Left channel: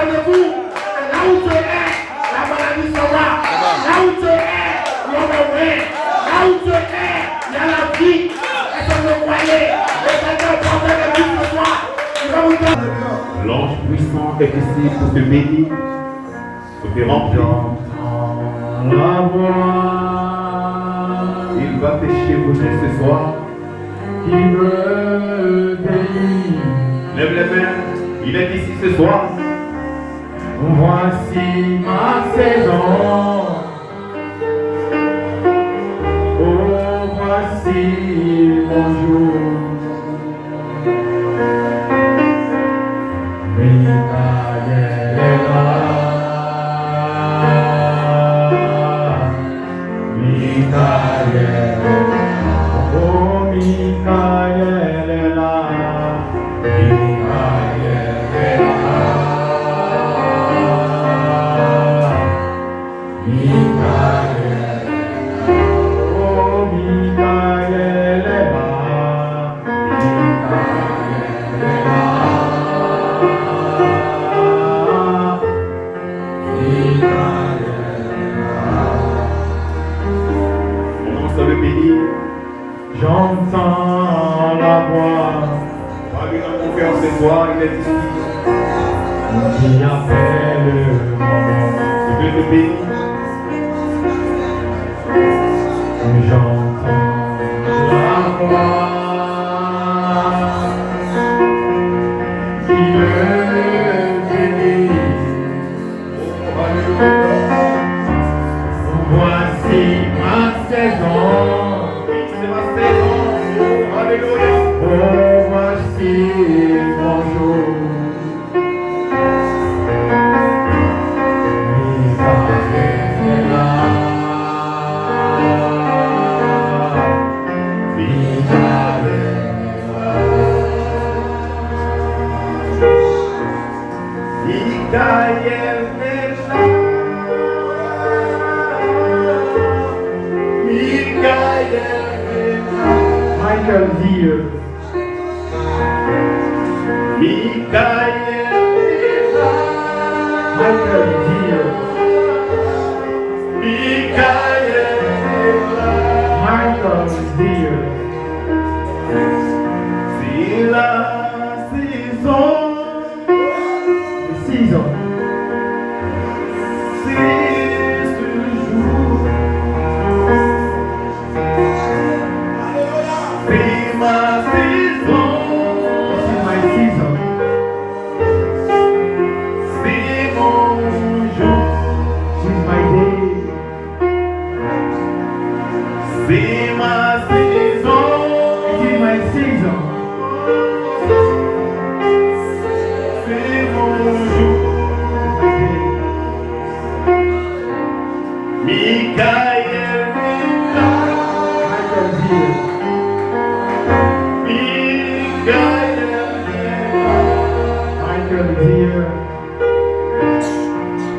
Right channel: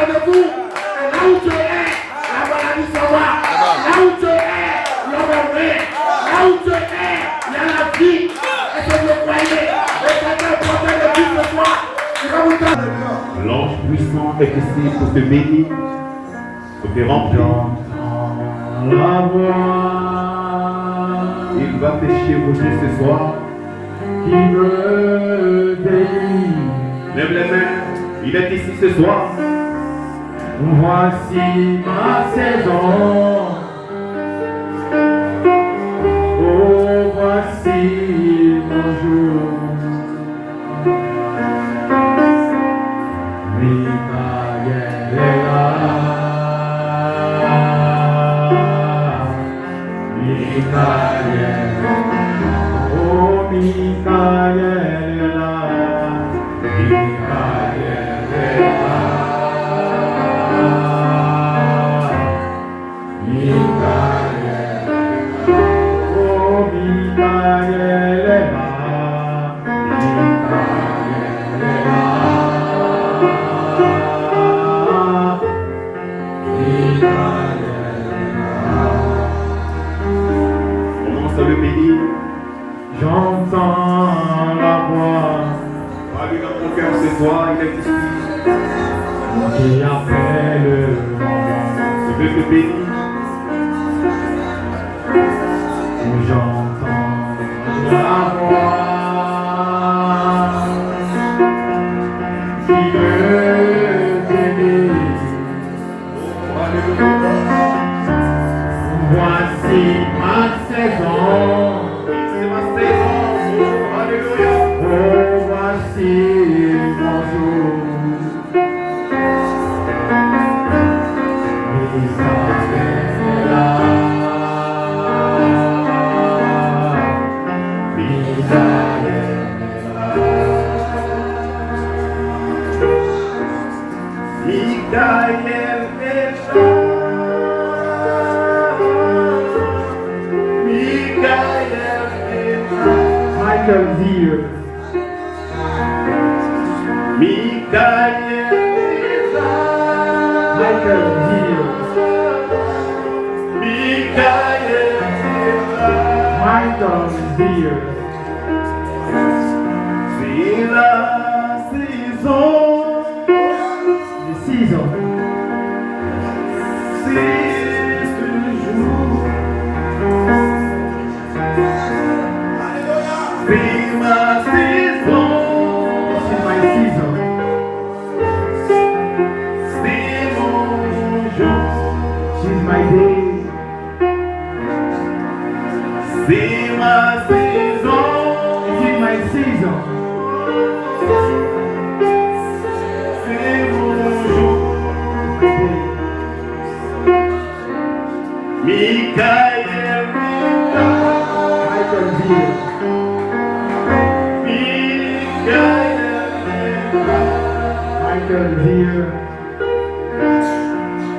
rendez-vous. Là où tu es, la maladie s'en va. Là où tu es, l'homme est vrai. Là où tu es, il y a la vie. Est-ce que vous croyez? Le Seigneur porte les vies ce soir. L'ange puissant est ici pour te bénir, pour te remplir. La voix Il va te chevaucher ce soir. qui me bénit. Lève les mains, il est ici ce soir. Voici ma saison. Oh, voici mon jour. Michael est là. Michael est là. Oh, Michael est là. Michael est là. Michael, oh Michael est là. Michael est là. Michael est là. On commence à le bénir. J'entends la voix Va lui rendre confiance ce soir, il est ici. qui appelle mon nom. Il veut te bénir. J'entends la voix qui me bénit. Voici ma saison. Oui, c'est ma saison. Oh, alléluia. Oh, voici mon jour. Michael est là. Michael est là. Michael est là. Michael est là. Michael Dieu. Michael est là. Michael Dieu. Michael est là. Michael Dieu. C'est la saison. The season. C'est ce jour. C'est ma saison. This is my season. C'est mon jour. This is my day. C'est ma saison. This is my season. C'est mon jour. Michael est là. Michael Dieu. Michael est là. Michael Dieu.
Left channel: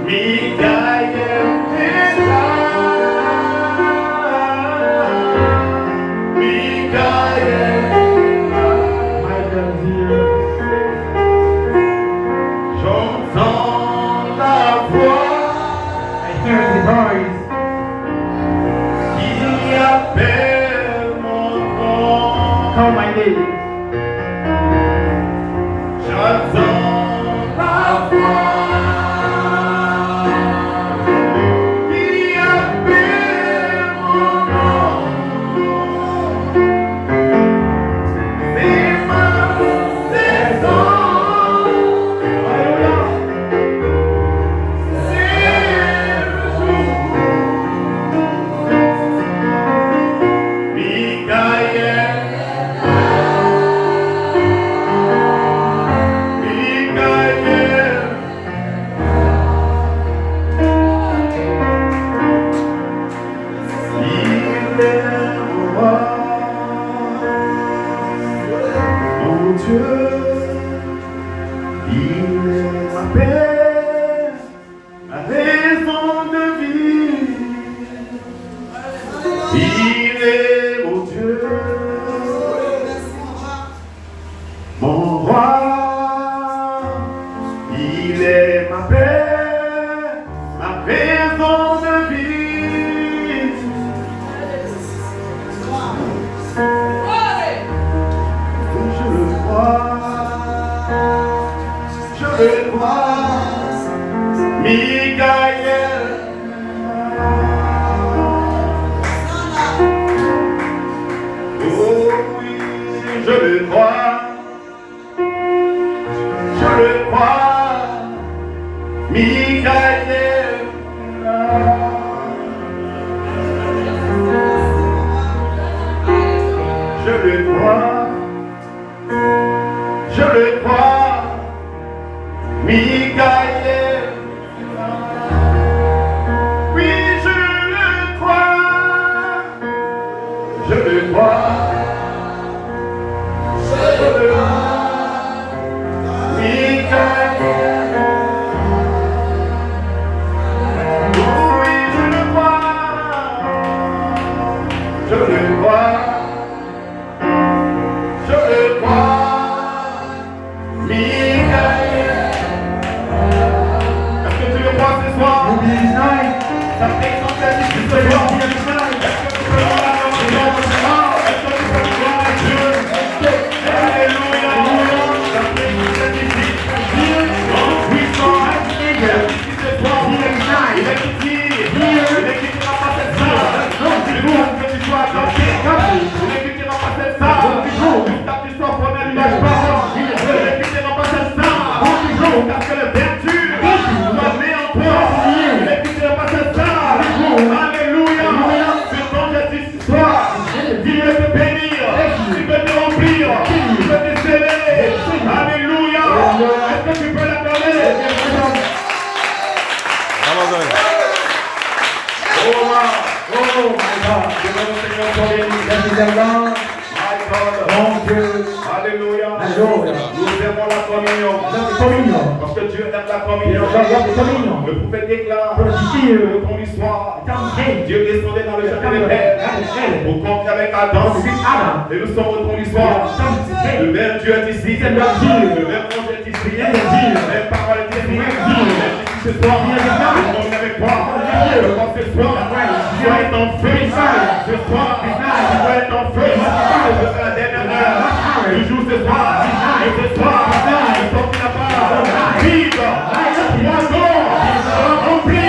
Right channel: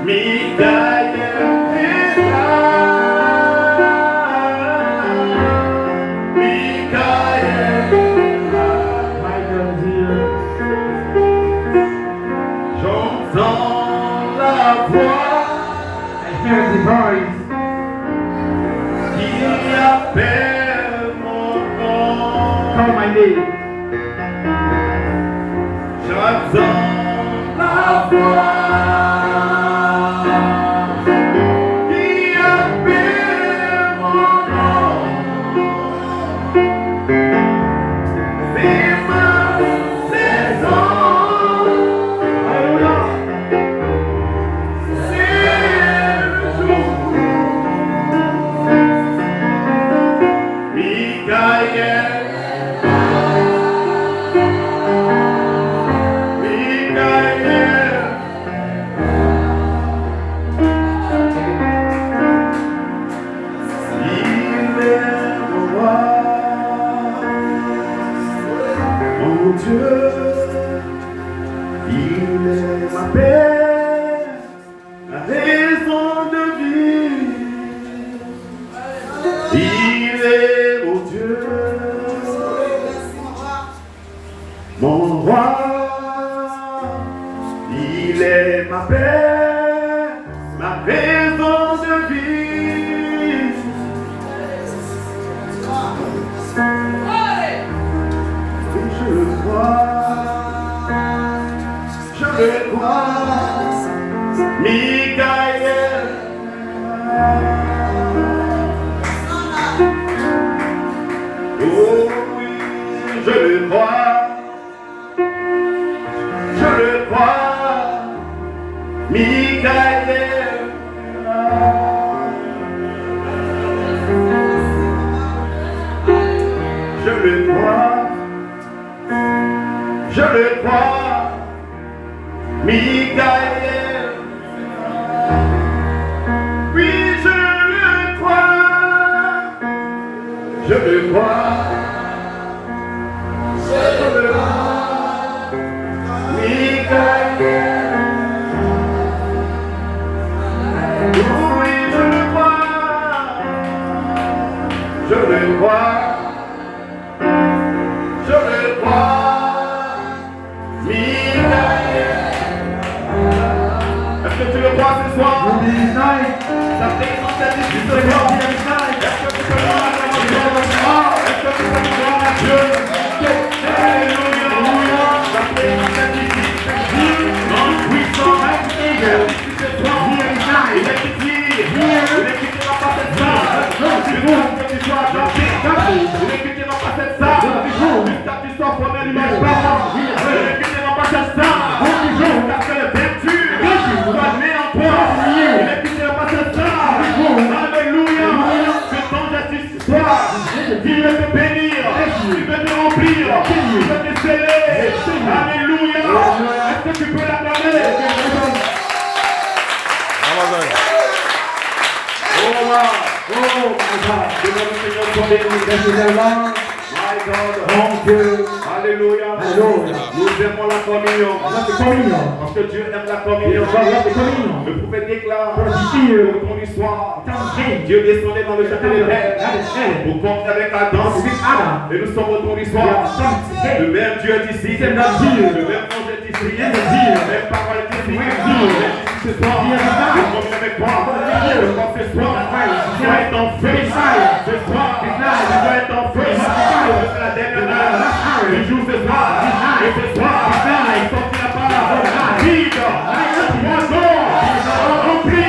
Michael est là. Michael est là. Michael Dieu. J'entends la voix I hear the voice qui appelle mon nom. call my name. J'entends la voix qui appelle mon nom. C'est ma saison. C'est le jour. Michael. Il est la paix, la raison de vie. Il est mon Dieu, mon roi. Il est ma paix, ma raison de vie. Je le crois, Michael. Oh oui, je le crois, Michael. Je le crois, Michael. Oui, je le crois, Alléluia. Nous aimons la communion. Parce que Dieu aime la communion. Le prophète déclare dans ton histoire, Dieu descendait dans le château des pères pour compter avec Adam. Et nous sommes au ton histoire. Le même Dieu est ici. Le même ange est ici. La même parole est ici. Ce soir, nous sommes avec toi. Ce soir, tu vas être en feu. Ce soir, tu vas être en feu. C'est la dernière heure. Le jour ce soir. Et ce soir, il sortira pas. Vibre. Rempli.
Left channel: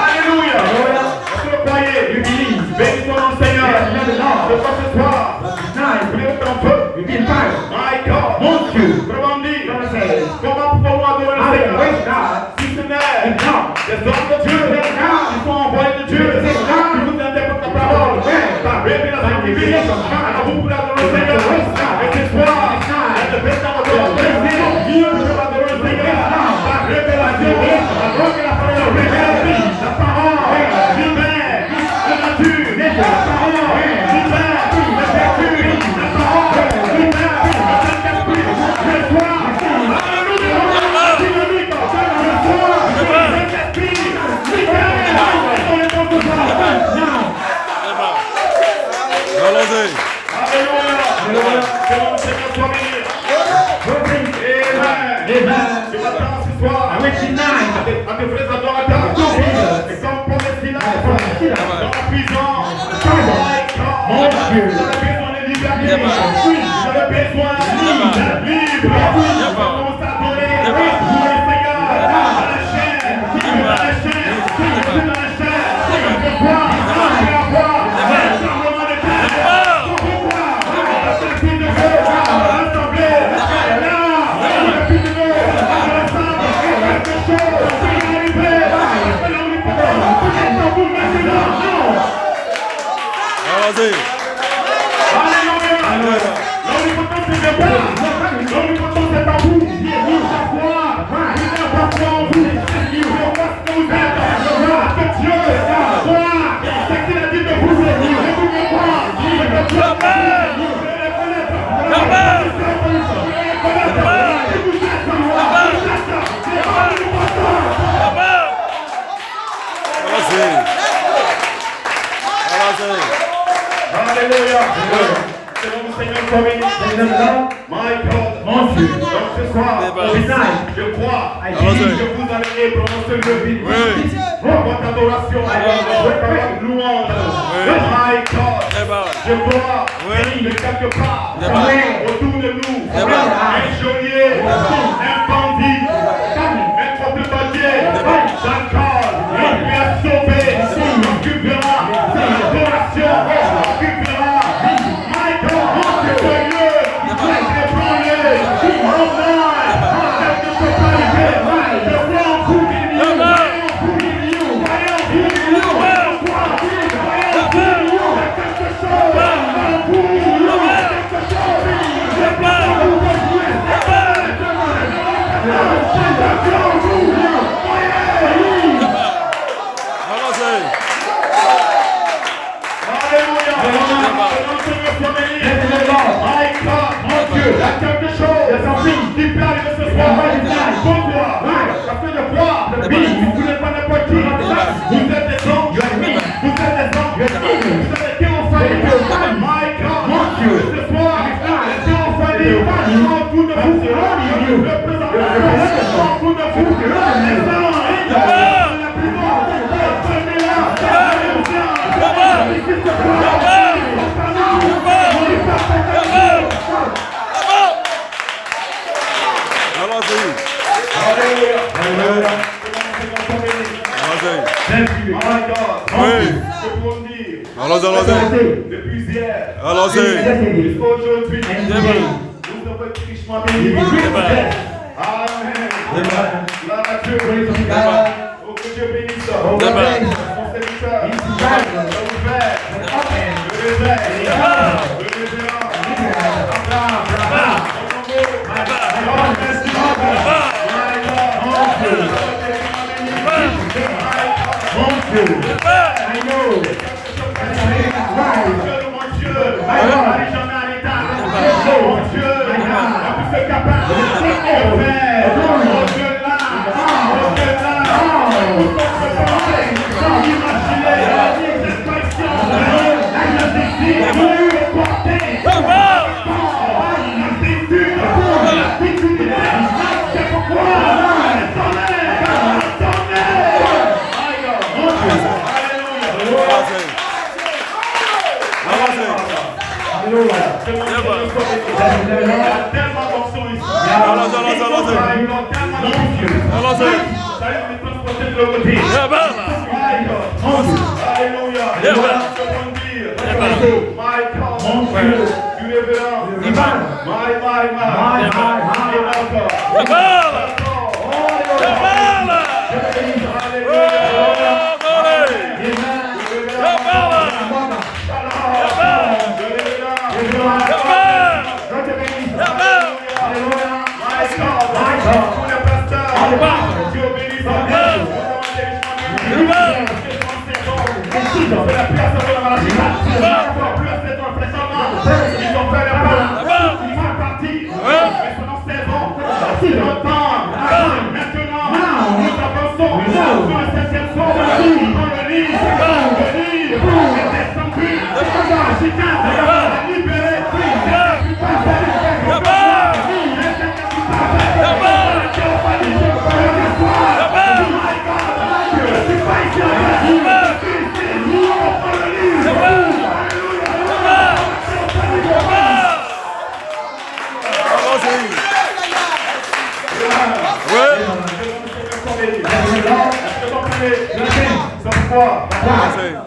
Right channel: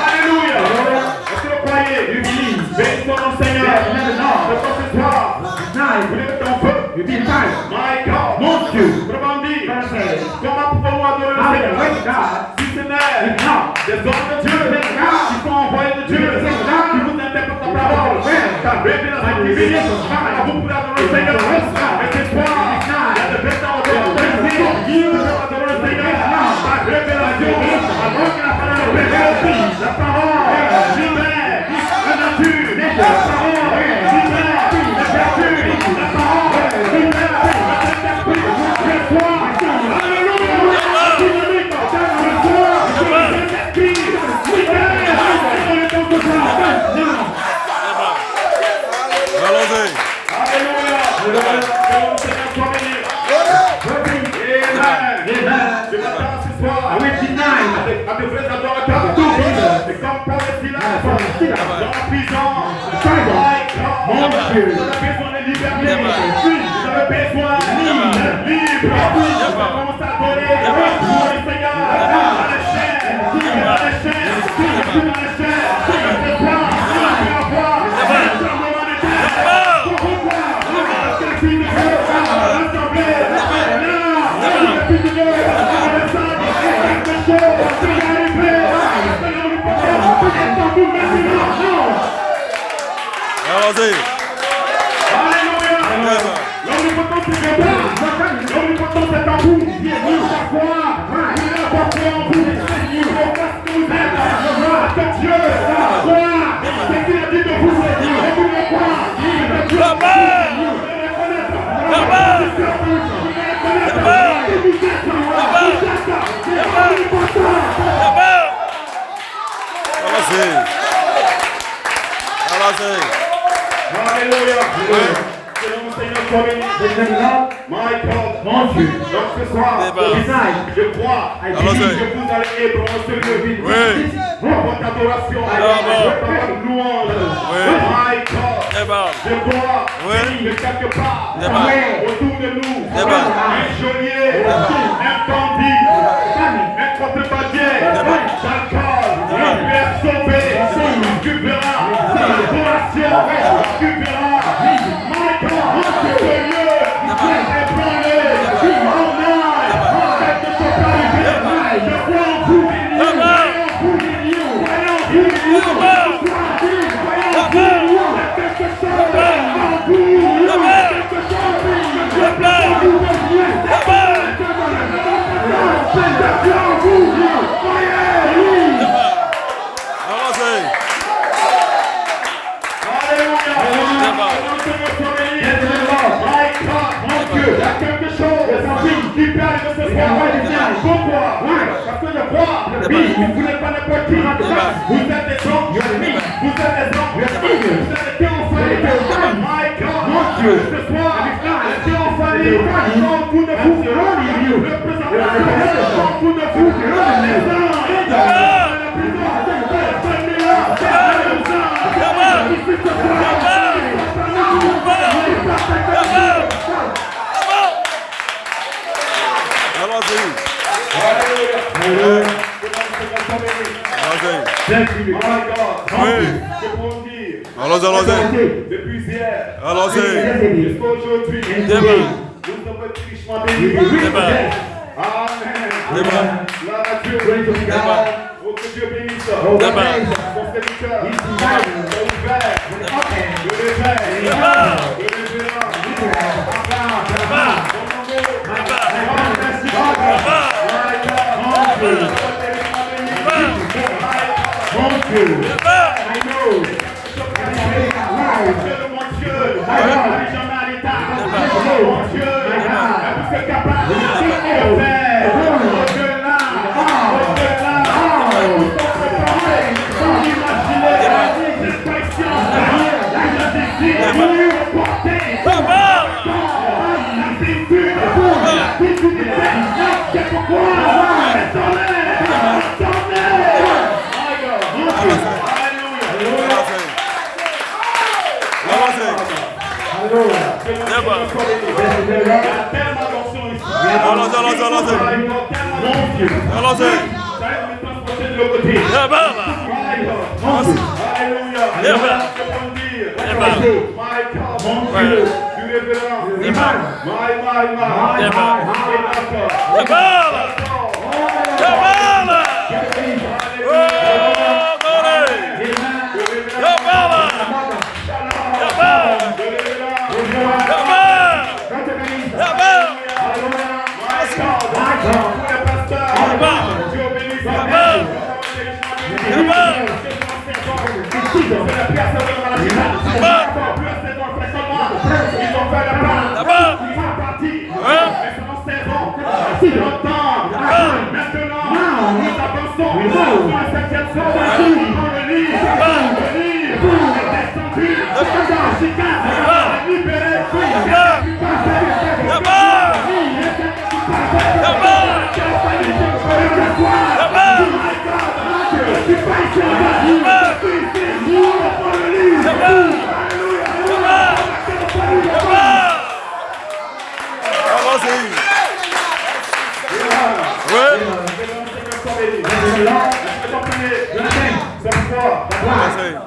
Alléluia. Est-ce que vous croyez? Bénis ton nom, Seigneur. Ce soir, vous voulez être en feu. My God. Mon Dieu. Comment dire? Comment pouvons-nous adorer le Seigneur? Si ce n'est des hommes de Dieu qui sont envoyés de Dieu, qui nous interprètent la parole, ta révélation divine. Alors vous pouvez adorer le Seigneur. Et ce soir, il y a de belles temps de adorer le Seigneur. Ta révélation, avant que la parole révèle, la parole libère la nature, la parole libère la vertu, la parole libère le Saint-Esprit. Ce soir, alléluia, dynamique, ce soir, le Saint-Esprit libère le temps de toi. Allons-y. Alléluia, c'est le Seigneur soit béni. Amen. Je m'attends ce soir à tes frères adorateurs. Et comme pour les filages, dans la prison, mon Dieu, je veux besoin de liberté. Je veux besoin libre. Comment s'adorer pour le Seigneur à la chaîne, à la chaîne, à la chaîne. Allons-y. Alléluia. L'omnipotence est de moi. L'omnipotence est à vous. Alléluia. C'est le Seigneur Corinne. My God. Mon Dieu. Donc ce soir, je crois que vous allez ébranler ce lieu. Votre adoration, votre louange. My God. Je crois que quelque part, autour de nous, un geôlier, un bandit, un contrebandier, d'accord, il va sauver, occupera l'adoration, occupera, my God, ce lieu, ébranlé, en mal, quelque chose pas arrivé, je crois en vous, depuis hier, jusqu'à aujourd'hui, nous avons été richement bénis. Amen. Gloire à Dieu. Oh, que Dieu bénisse. Son serviteur.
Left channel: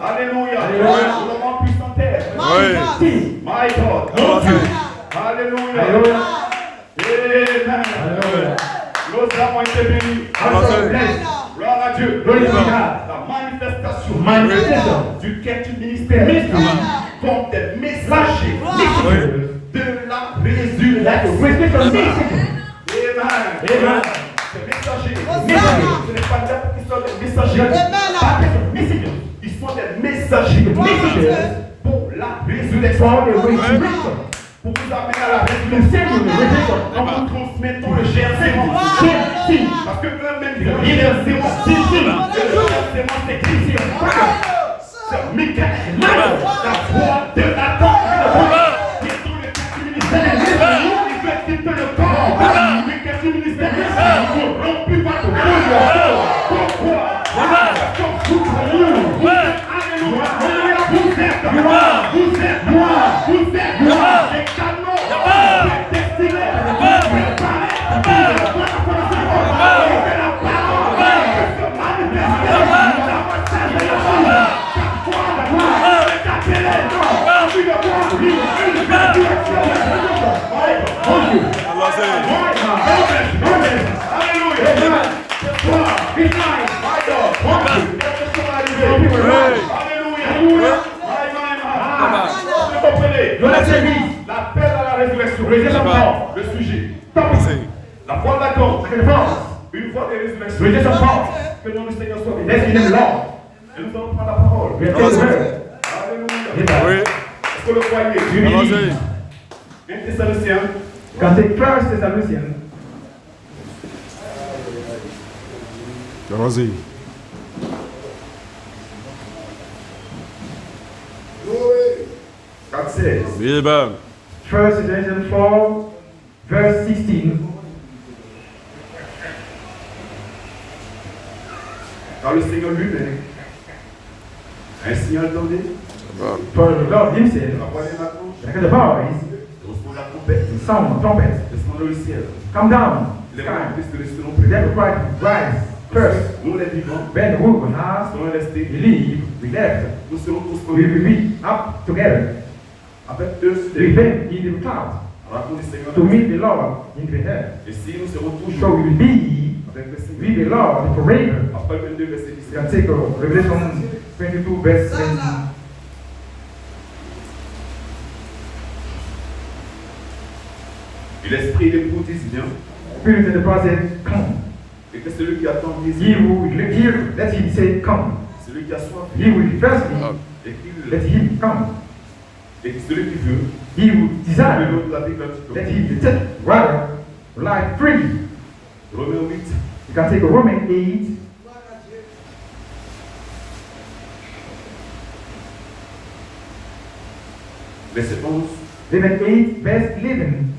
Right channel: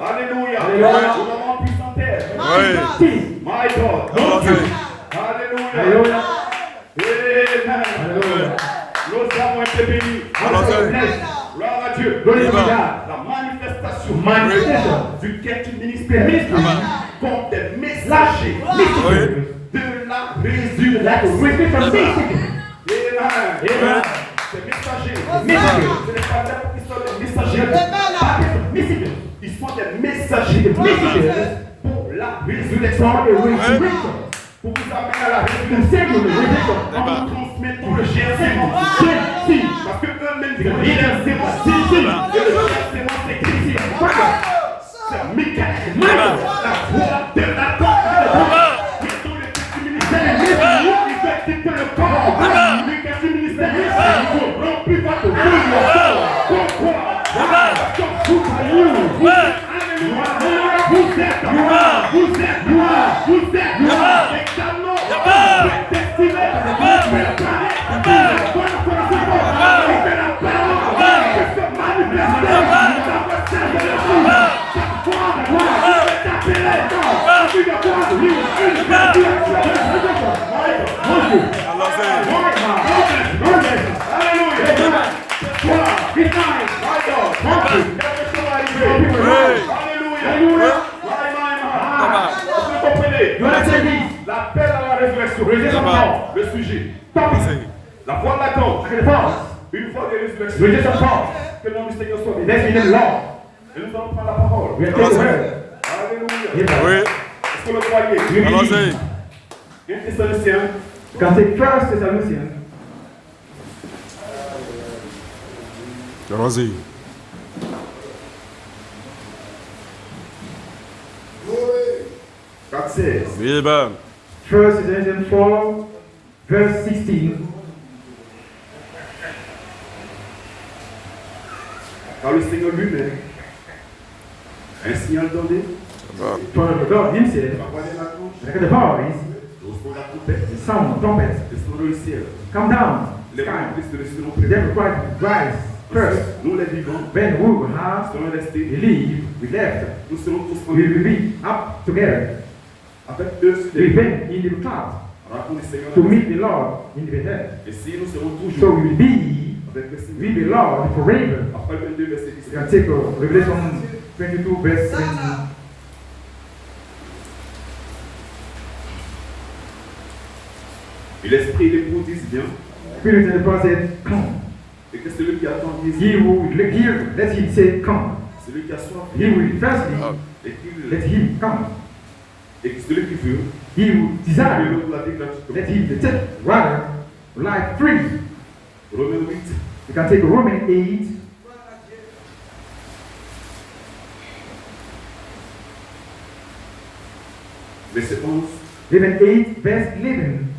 Alléluia. My God. Alléluia. Nous avons été bénis. Gloire à Dieu. La manifestation du quête ministère comme des messagers de la résurrection. Ces messagers, ce n'est pas n'importe qui sont des messagers, ils sont des messagers pour la résurrection. Pour vous amener à la résurrection, en vous transmettant le GRC. Parce que eux-mêmes, ils ont dit le GRC, c'est Michael. foi de l'attente. Qui sont les quartiers ministériels. Ils veulent quitter le corps. Les quartiers ministériels. Ils sont rompus par le feu de la foi. Pourquoi? Vous êtes gloire. Vous êtes gloire. Vous êtes gloire. Les canons. Vous êtes destinés. La paix dans la résurrection. Le sujet. La foi d'attente. Une fois des résurrections. Que le nom du Seigneur soit béni. Et nous allons prendre la parole. Alléluia. Est-ce que vous le croyez? 1 Thessaloniciens. Quand c'est 1 Thessaloniciens. Vas-y. Oui, ben. 1 Thessalonians 4, verse 16. Car le Seigneur lui-même a un signal donné. For the Lord himself, La voix des matrons. like the voice, Au son de la trompette. the sound of trumpets, Descend le ciel. come down. Les Sky. rois de Christ resteront The près. devil Christ rise first. Nous les vivants Then we will have serons restés. believe, we left. Nous serons tous We will conduits be up together. avec eux sur We les went in the cloud rencontre du Seigneur. to meet the Lord in the air. Et si nous serons So toujours we will be avec le Seigneur. with the Lord forever. Après 22 verset You can 17. take Revelation 22, verse 17. Et l'esprit des l'époux disent bien. Spirit and the prophet, come. Et que celui qui attend He dise. who will hear, let him say, come. Celui qui a soif. He will thirsty, Et qu'il let him come. et que celui qui veut. He who Que desire, l'eau de la vie gratuitement. let him take water, life free. Romains 8. You can take Romans 8, Verset 11. Romans 8, verse 11.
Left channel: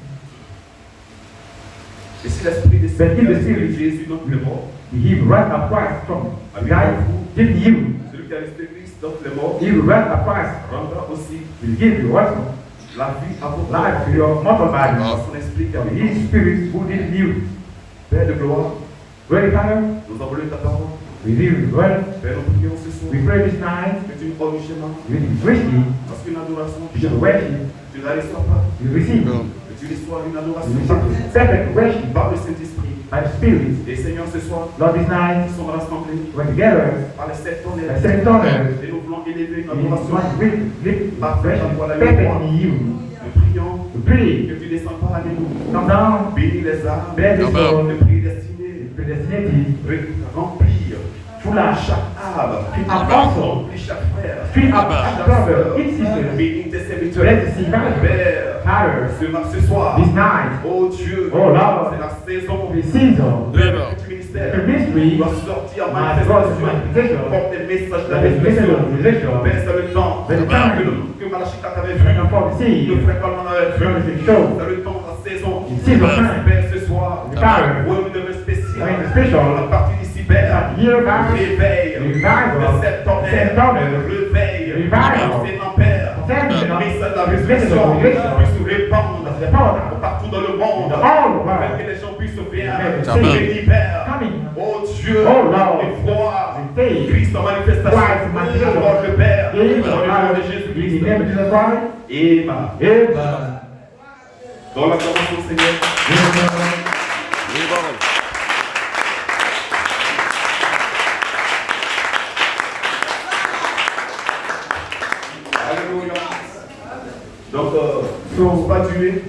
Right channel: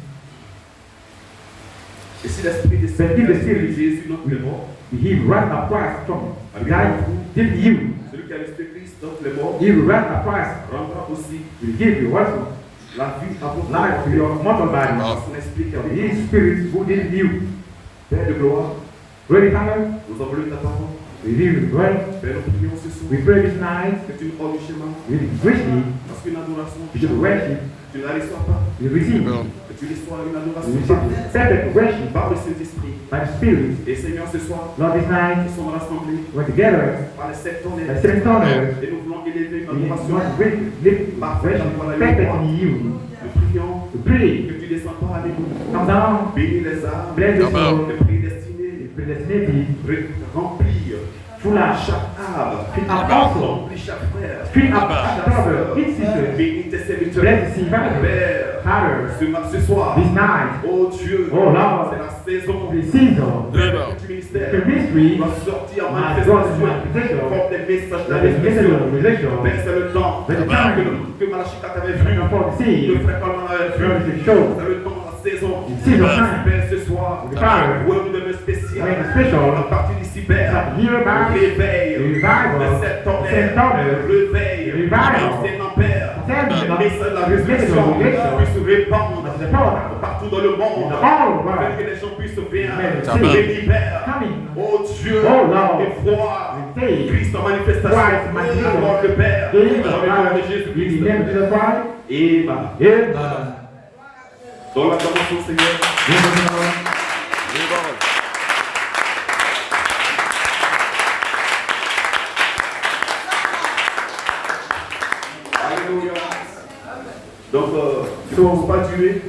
Et si l'esprit des But if the Spirit Jésus n'entre les morts, he will rise up Christ from die, give you. celui qui a resté Christ d'entre les morts, He will rise up Christ, rendra aussi will give you also la vie à votre life to your mortal body. par son esprit qui a vécu. His Spirit who did you. Père de gloire, Great Father, nous envoyons ta parole. we live well. Père, nous prions ce soir. We pray this night. Que tu nous ordres le schéma. We greatly Parce qu'une adoration, you should worship. tu ne la reçois pas. You receive. Que tu reçois une You adoration receive perfect worship par le Saint-Esprit. by the Spirit. Et Seigneur, ce soir, Lord, this night nous sommes rassemblés we're together par les sept as tonnerres. seven daughters. Et nous voulons élever une We adoration. want to live worship perfect in you. Nous prions We pray. que tu descends parmi nous. Come down. Bénis les âmes. Bless the soul. Le prédestiné. Predestinity. Remplir Full of chaque âme. Feed our apostle. Remplis chaque frère. Feed up our brother, each sister. Bénis tes serviteurs. Bless the survivor. Père, Father, ce soir, this night, oh Dieu, Oh Lord. c'est la saison the season, du the ministère. mystery, Doit sortir en must go to manifestation. manifestation. Porte des messages de la the message résurrection. of revelation, Père, c'est le temps But the time que Malachikat avait and vu. for the Le seed, frère Coleman avait vu. the show, C'est le temps, la saison. the season time, Père, ce soir, the time, oui, vous devez spécial. I mean, the special, À partir d'ici, Père, here by réveil the revival, de cette tonnerre. cette tonnerre, Réveil. revival, C'est mon Père. Send Le message de la the message résurrection of revelation, puisse se répandre the power, partout dans le monde. all Afin right, que les gens puissent bien Amen. l'hiver. coming, Oh Dieu, Oh Lord. et voir the day, Christ en manifestation. Christ manifestation. Oh le Père, in dans le nom de in the Jésus-Christ. name of Jesus Christ, Amen. amen. Dans la parole du Seigneur. Alléluia. Donc, je ne pense pas durer.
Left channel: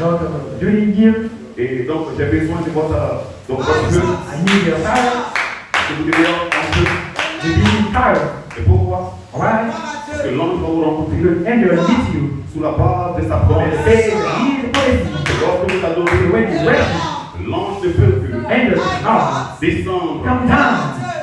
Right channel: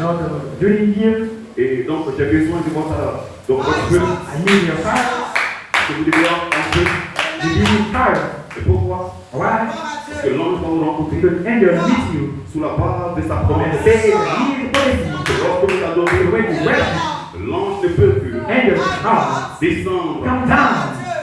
Now, during here, Et donc, j'ai besoin de votre feu. I need your fire, Que vous devez un peu. you need fire, Et pourquoi? alright? Parce que l'ange va vous rencontrer Because angel meet you, sous la base de sa and promesse. say, he is praising you. Lorsque vous adorez, When you worship, l'ange ne peut plus angel come, descendre come down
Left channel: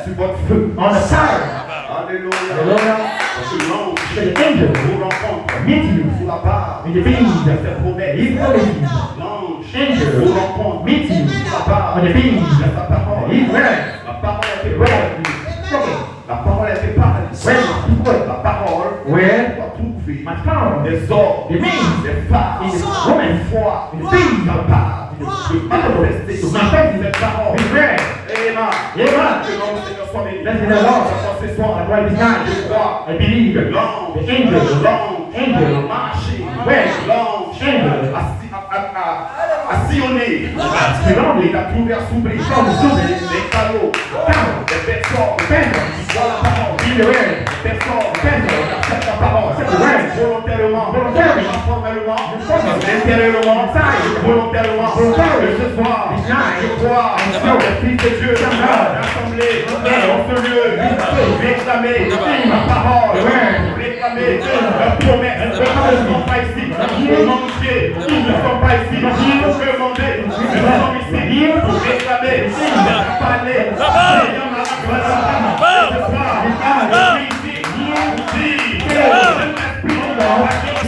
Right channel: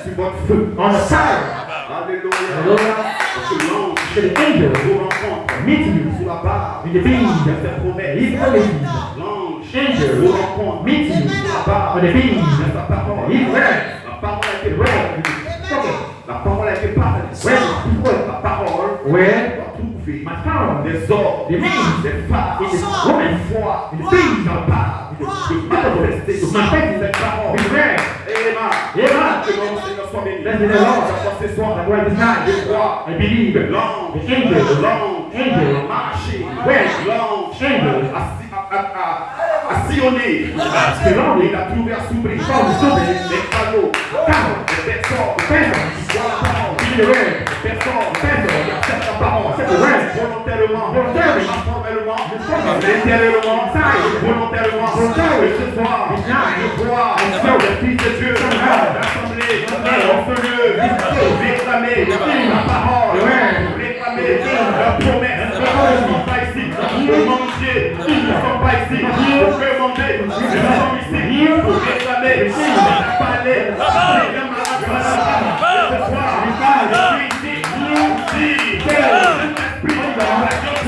sur votre feu. on the fire. Alléluia. Hallelujah. Parce que l'ange So the angel vous rencontre meets you sous la barre in the beams. de ses promesses. His promises. L'ange Angel vous rencontre meets you sous la barre on the beams. de sa parole. His word. La parole a été Word. parlée. La parole a été parlée. Word. La parole Where doit trouver my power des hommes, The beings. des femmes, in the des woman foi, in the beings. capables de manifester To cette manifest parole. His word. Et là, Yeah. que notre Seigneur soit béni. Blessed the Lord. Ce soir, That's why this night je crois I believe que the l'ange, angel l'ange, marché, Where? l'ange Angel. a sillonné, il a trouvé à s'ouvrir les cadeaux, des personnes, qui voient la parole, Be the word. des personnes, qui acceptent la parole, volontairement, informellement, intérieurement, volontairement, ce soir, je crois, les fils de Dieu, l'assemblée, réclamer la parole, réclamer la promesse, ils ne sont pas ici, pour manger, ils ne sont pas ici, pour demander, ils sont ici, pour réclamer, pour parler, ce soir, je suis ici, que l'Esprit va jouer,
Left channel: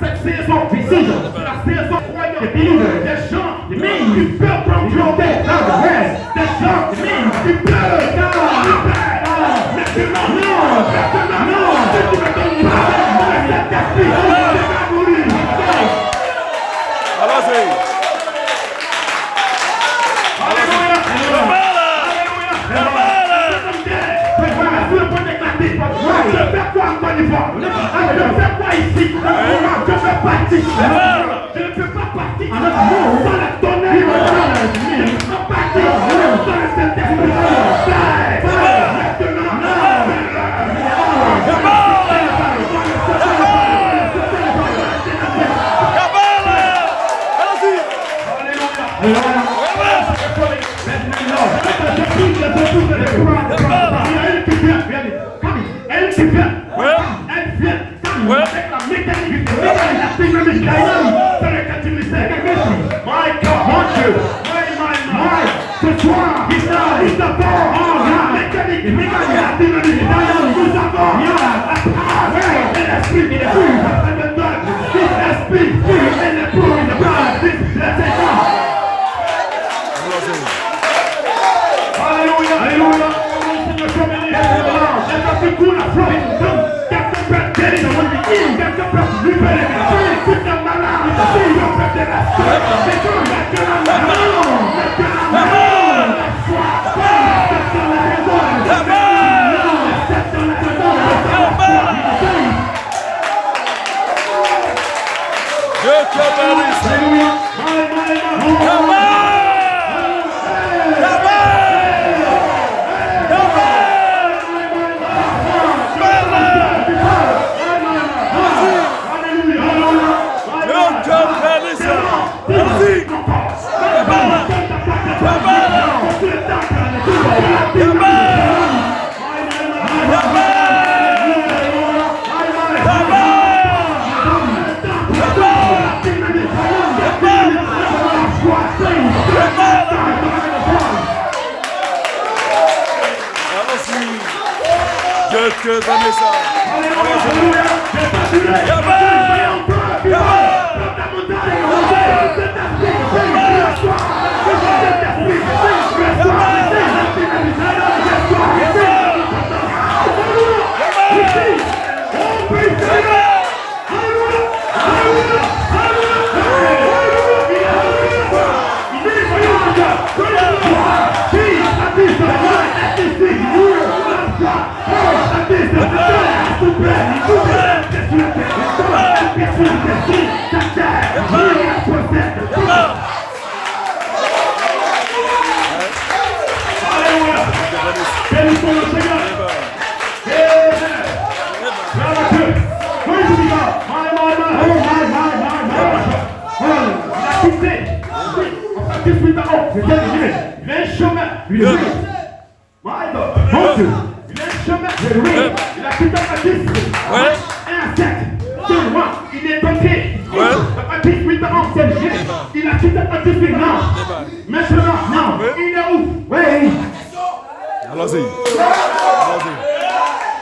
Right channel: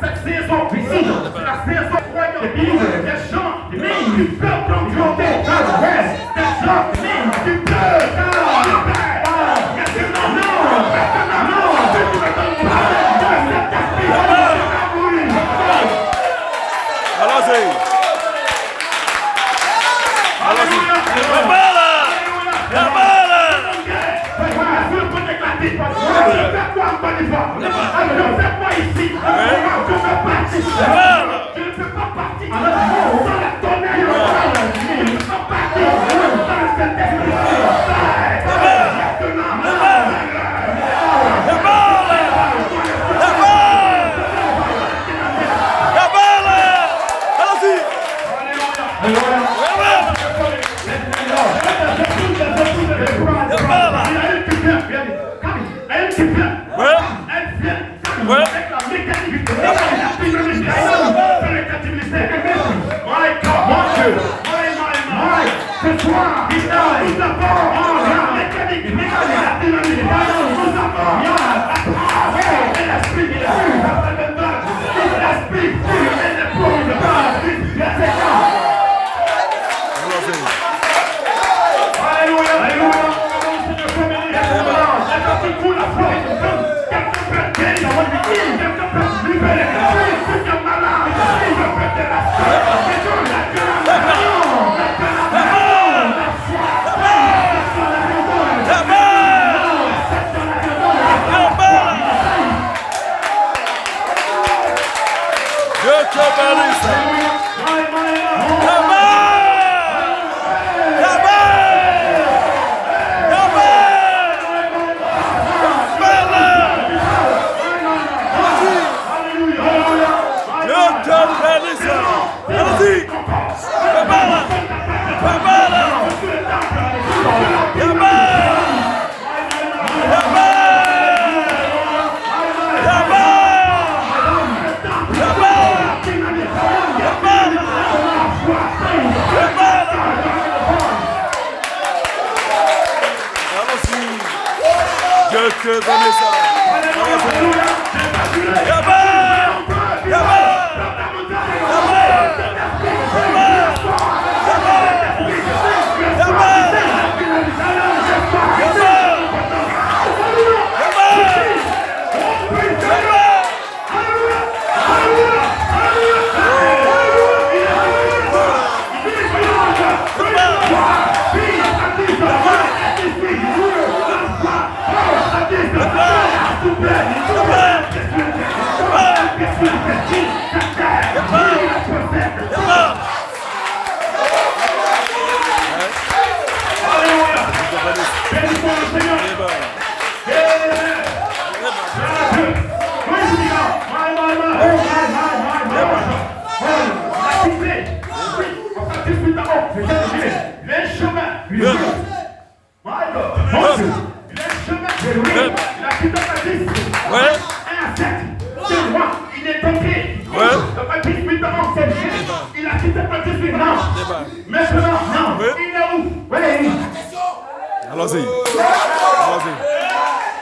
cette saison, la saison croyante, des gens qui peuvent prendre du haut, des gens qui peuvent je ne peux pas partir dans la tonnerre. Je ne peux pas partir dans le Saint-Esprit. Elle vient avec la mécanique, la dynamique. Que Vanessa.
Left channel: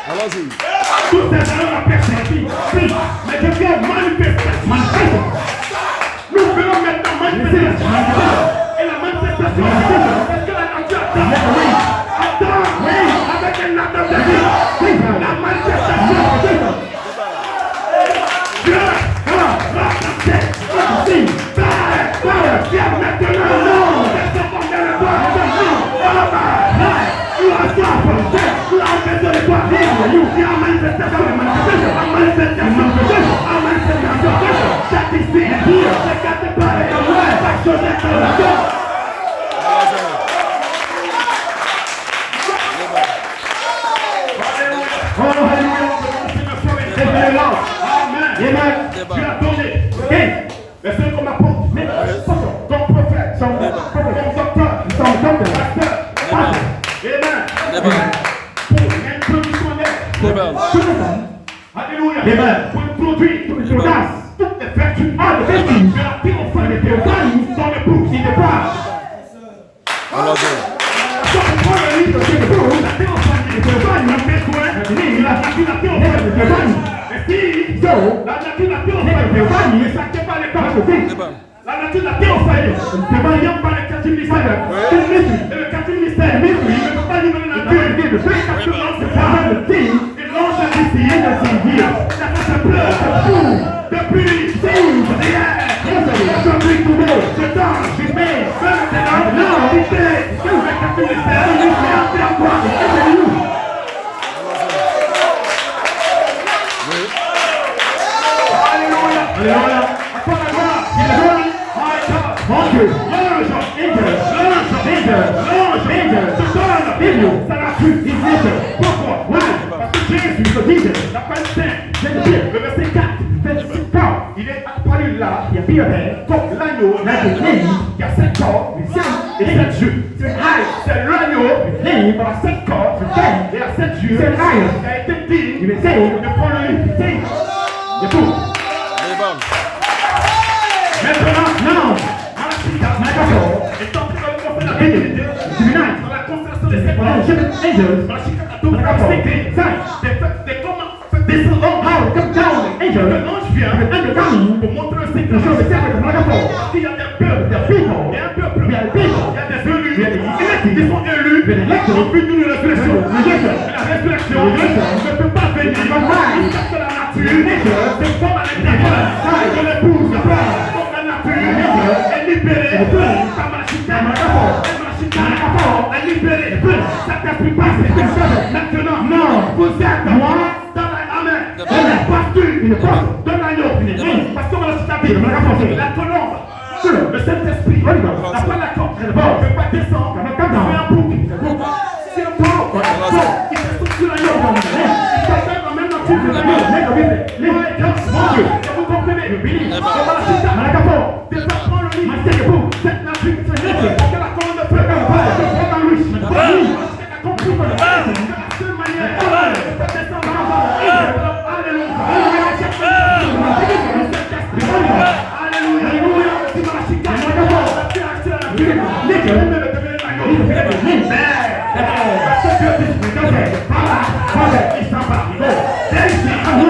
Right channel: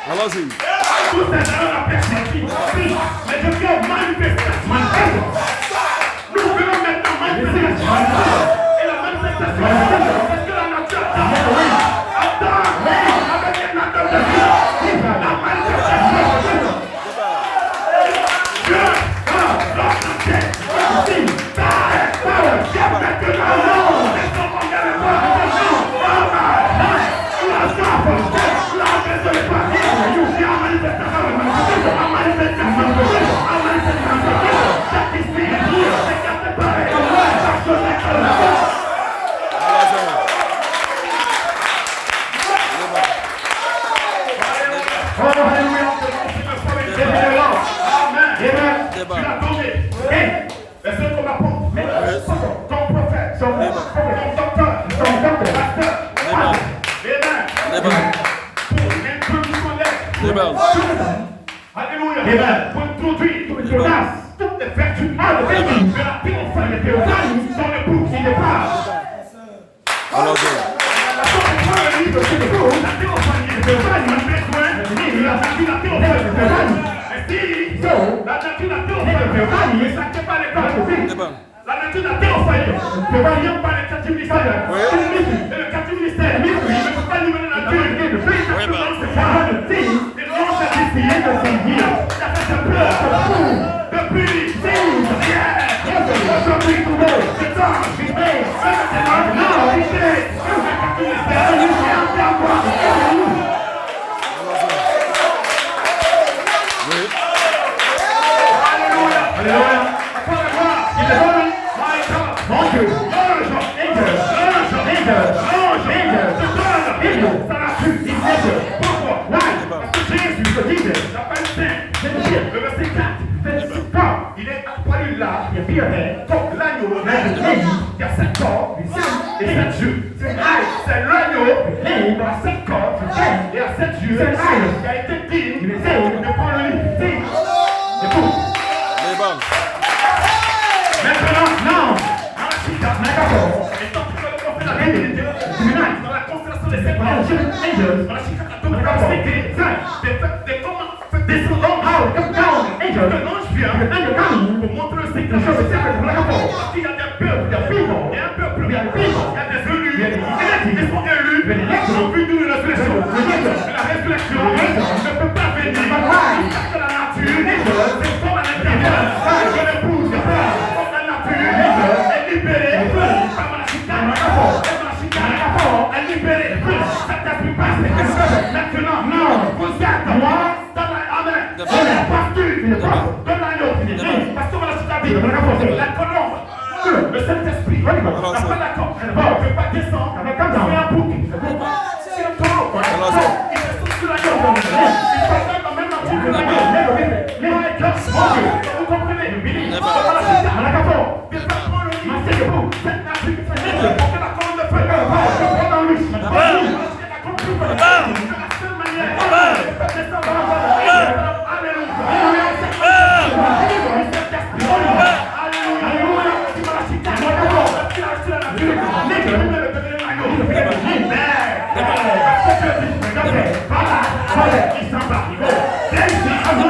Allons-y. Tout est dans la perspective. Mais je viens manifester. Nous venons maintenant manifester. Et la manifestation, est-ce que la nature attend avec un acte de vie. La manifestation. Dieu va raconter. Alléluia. Pour produire toutes les grâces, toutes les vertus, de la théophanie, les théophanies dans le bouc qui dépasse. La nature de la théophanie, ne va rien par les quatre ministères. Et le quatre ministère, il ne peut pas nous mener la nature. Le fait que c'est pas le thing. Depuis le verset 4, il est apparu là, il y a comme l'agneau, il y a 7 corps, et 7 yeux. C'est l'agneau, il a 7 corps, et à 7 yeux, qui a été digne de prendre le lit. C'est tout. Maintenant, étant que le prophète a été dans la constellation des 7 angels, dans la chicane descendant, l'ange vient pour montrer le secret. Il y a des peuples, il y a un peuple, il y a des élus, ils sont élus, au but de la résurrection. La résurrection ne peut pas venir parce que la nature, c'est comme à l'intérieur, que l'épouse, comme la nature, est libérée, comme la chicane, est libérée, ça t'a pu passer. Maintenant, vous êtes moi. De l'agneau, parce qu'on va la citer, la colombe, le Saint-Esprit, n'a pas la corde, ne peut pas descendre, mais comme dans un bouc, c'est le taureau, il se trouve sur l'agneau, il se même nature, mon Dieu, vous comprenez, on va la citer, on la capot, développement le lit, c'est debout, cette nature, c'est la colombe de feu, on va dans lui, on va la seule manière, Il s'en va. Il s'en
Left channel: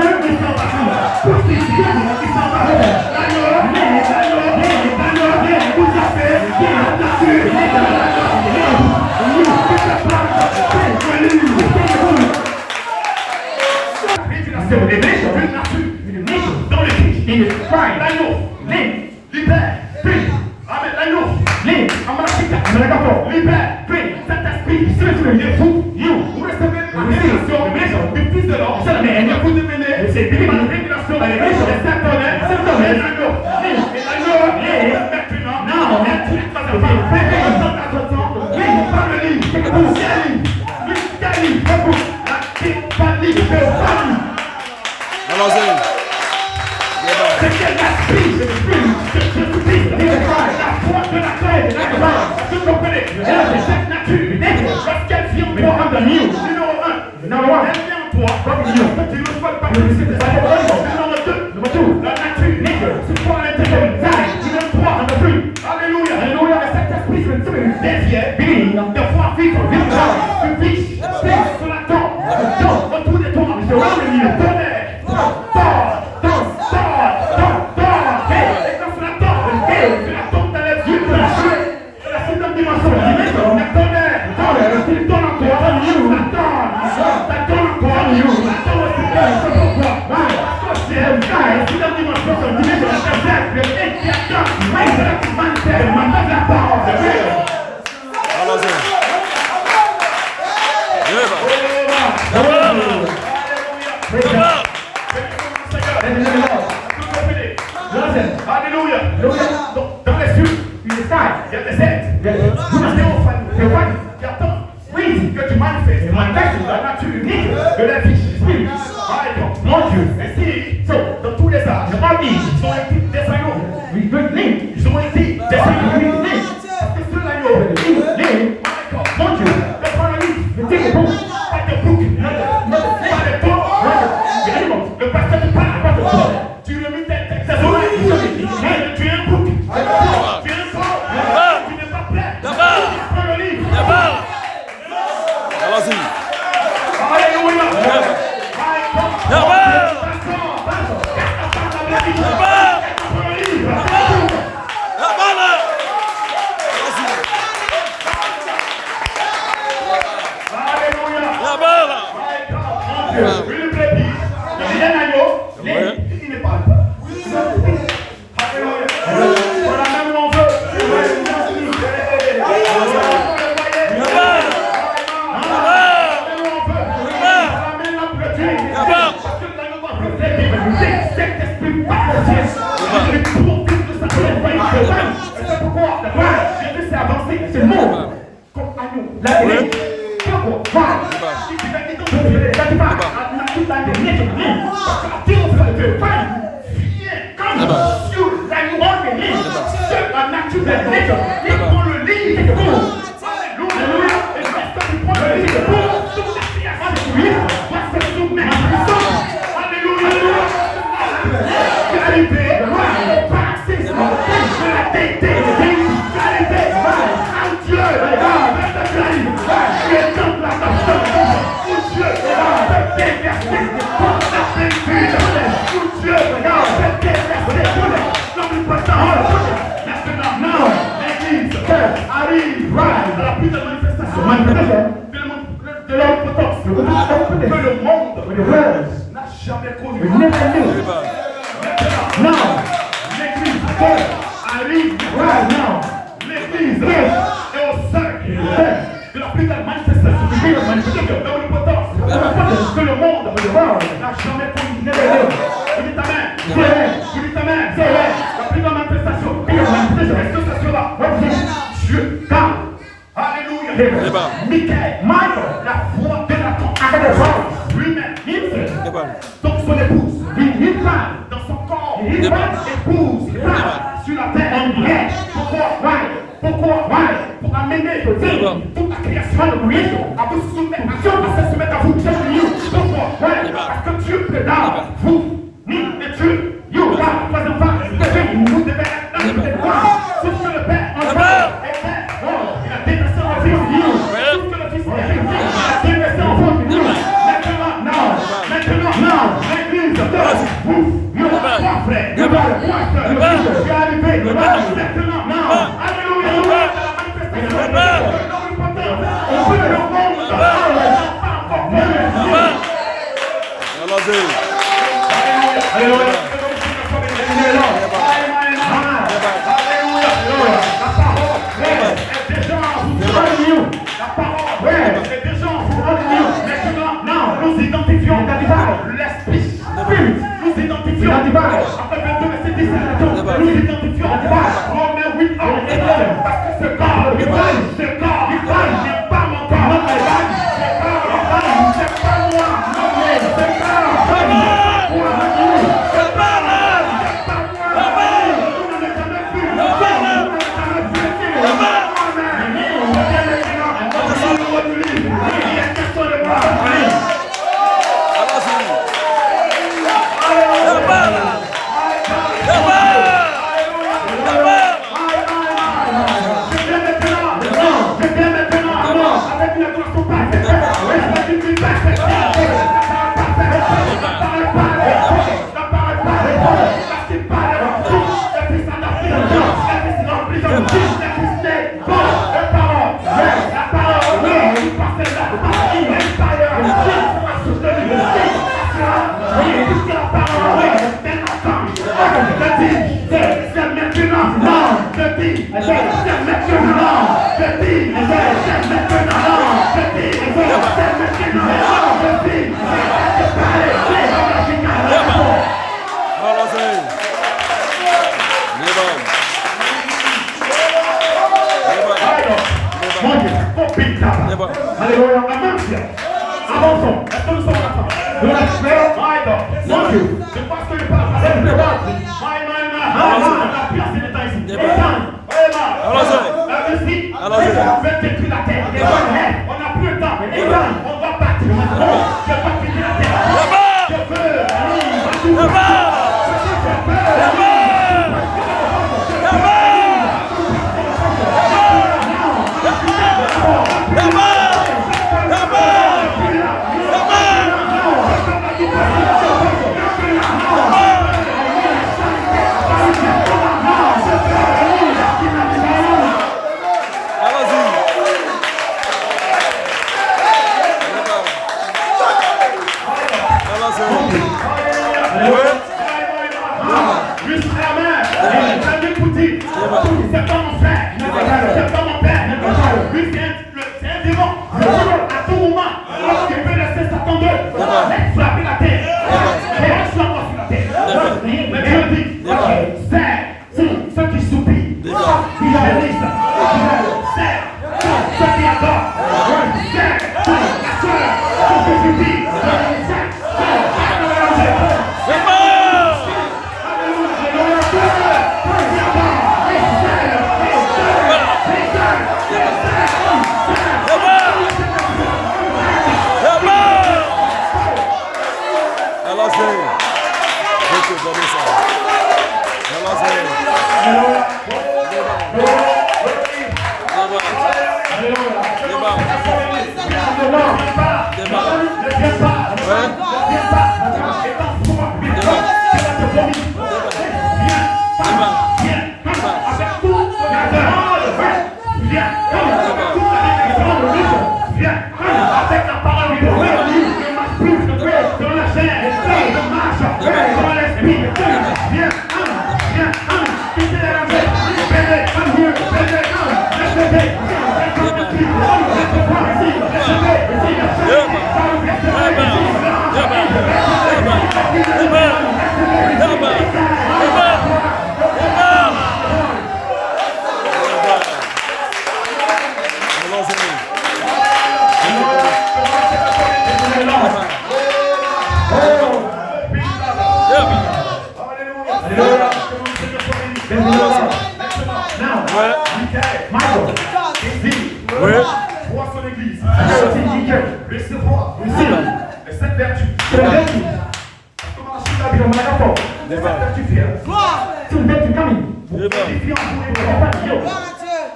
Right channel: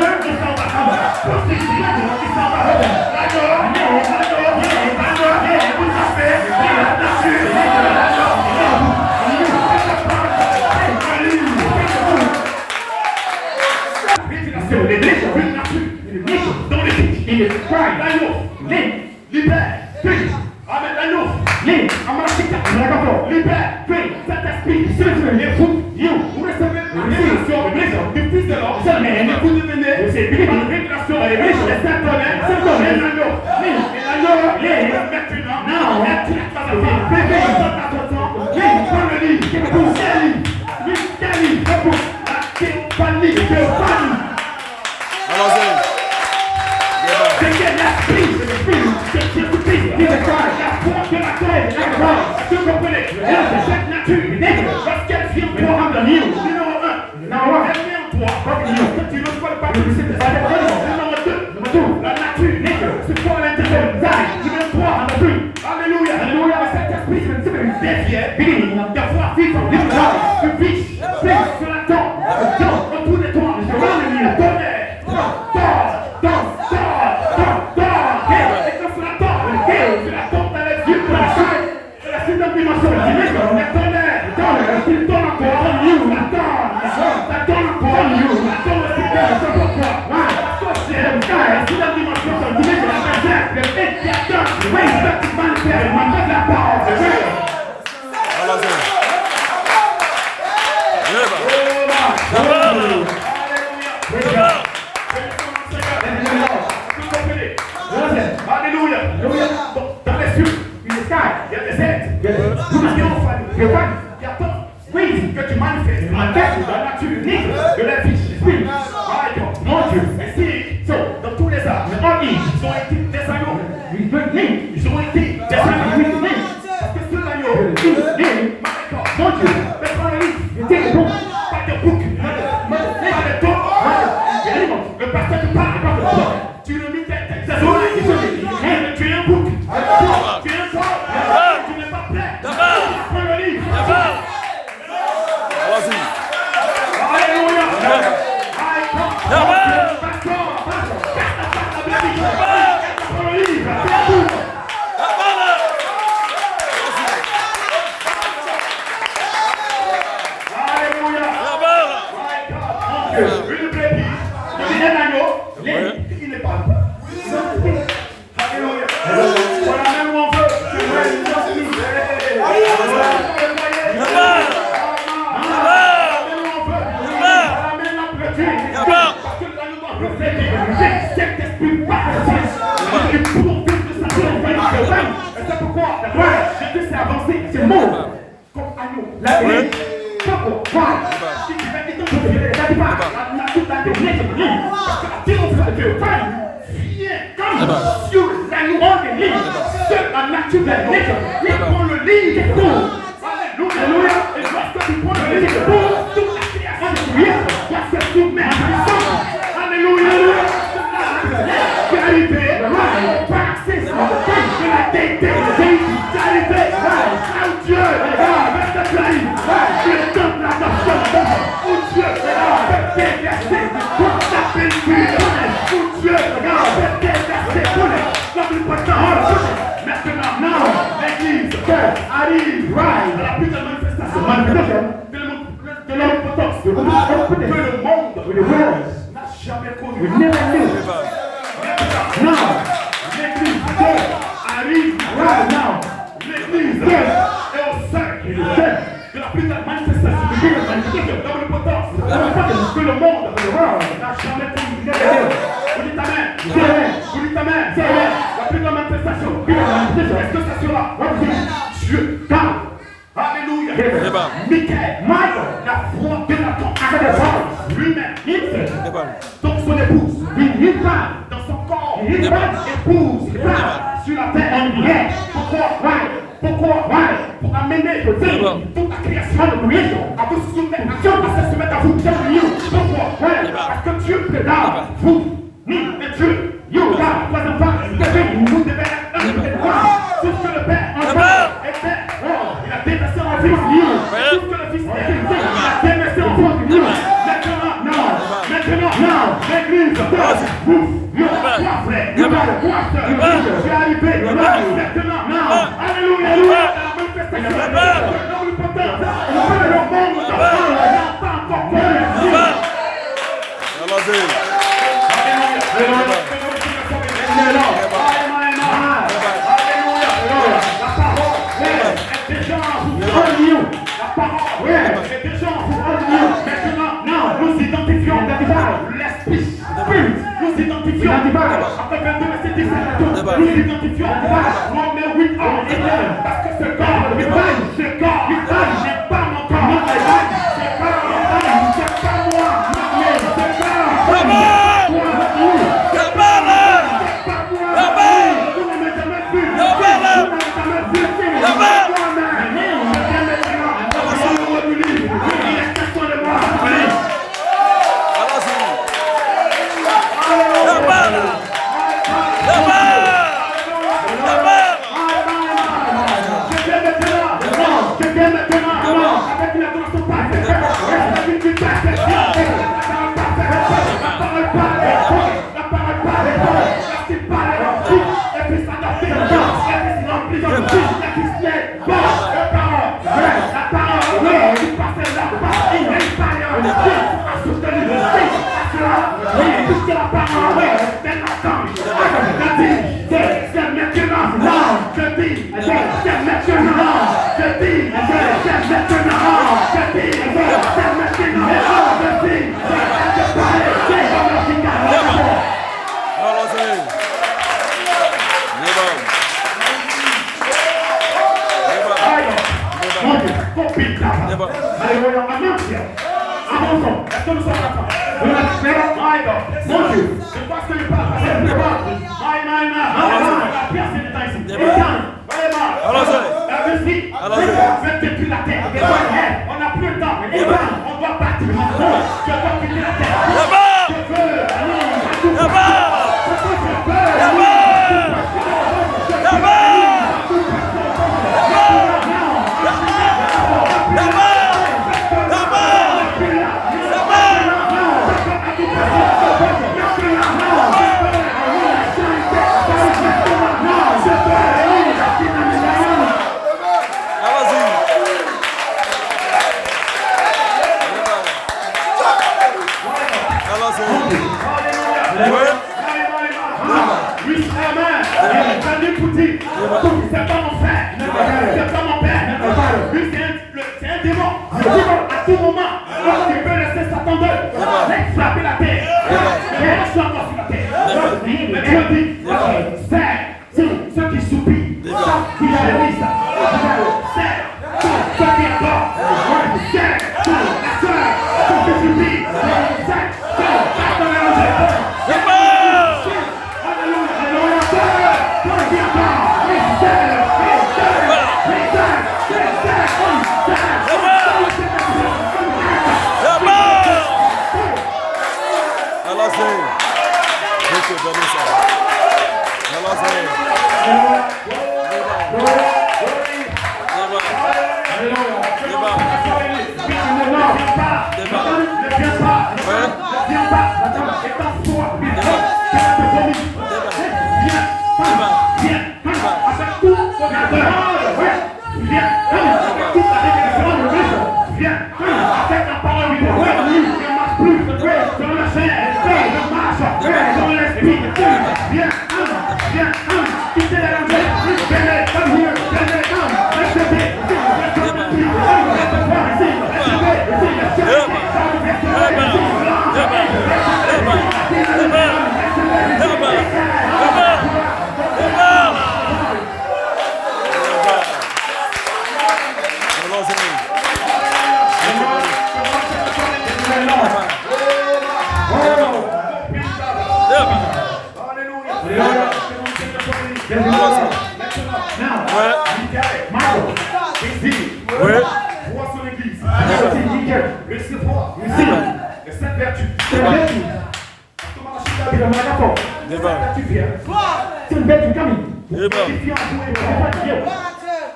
Débat. Nous identifions l'esprit. Nous identifions Romains 8, parce que ce corps n'est pas mon corps. C'est pas moi.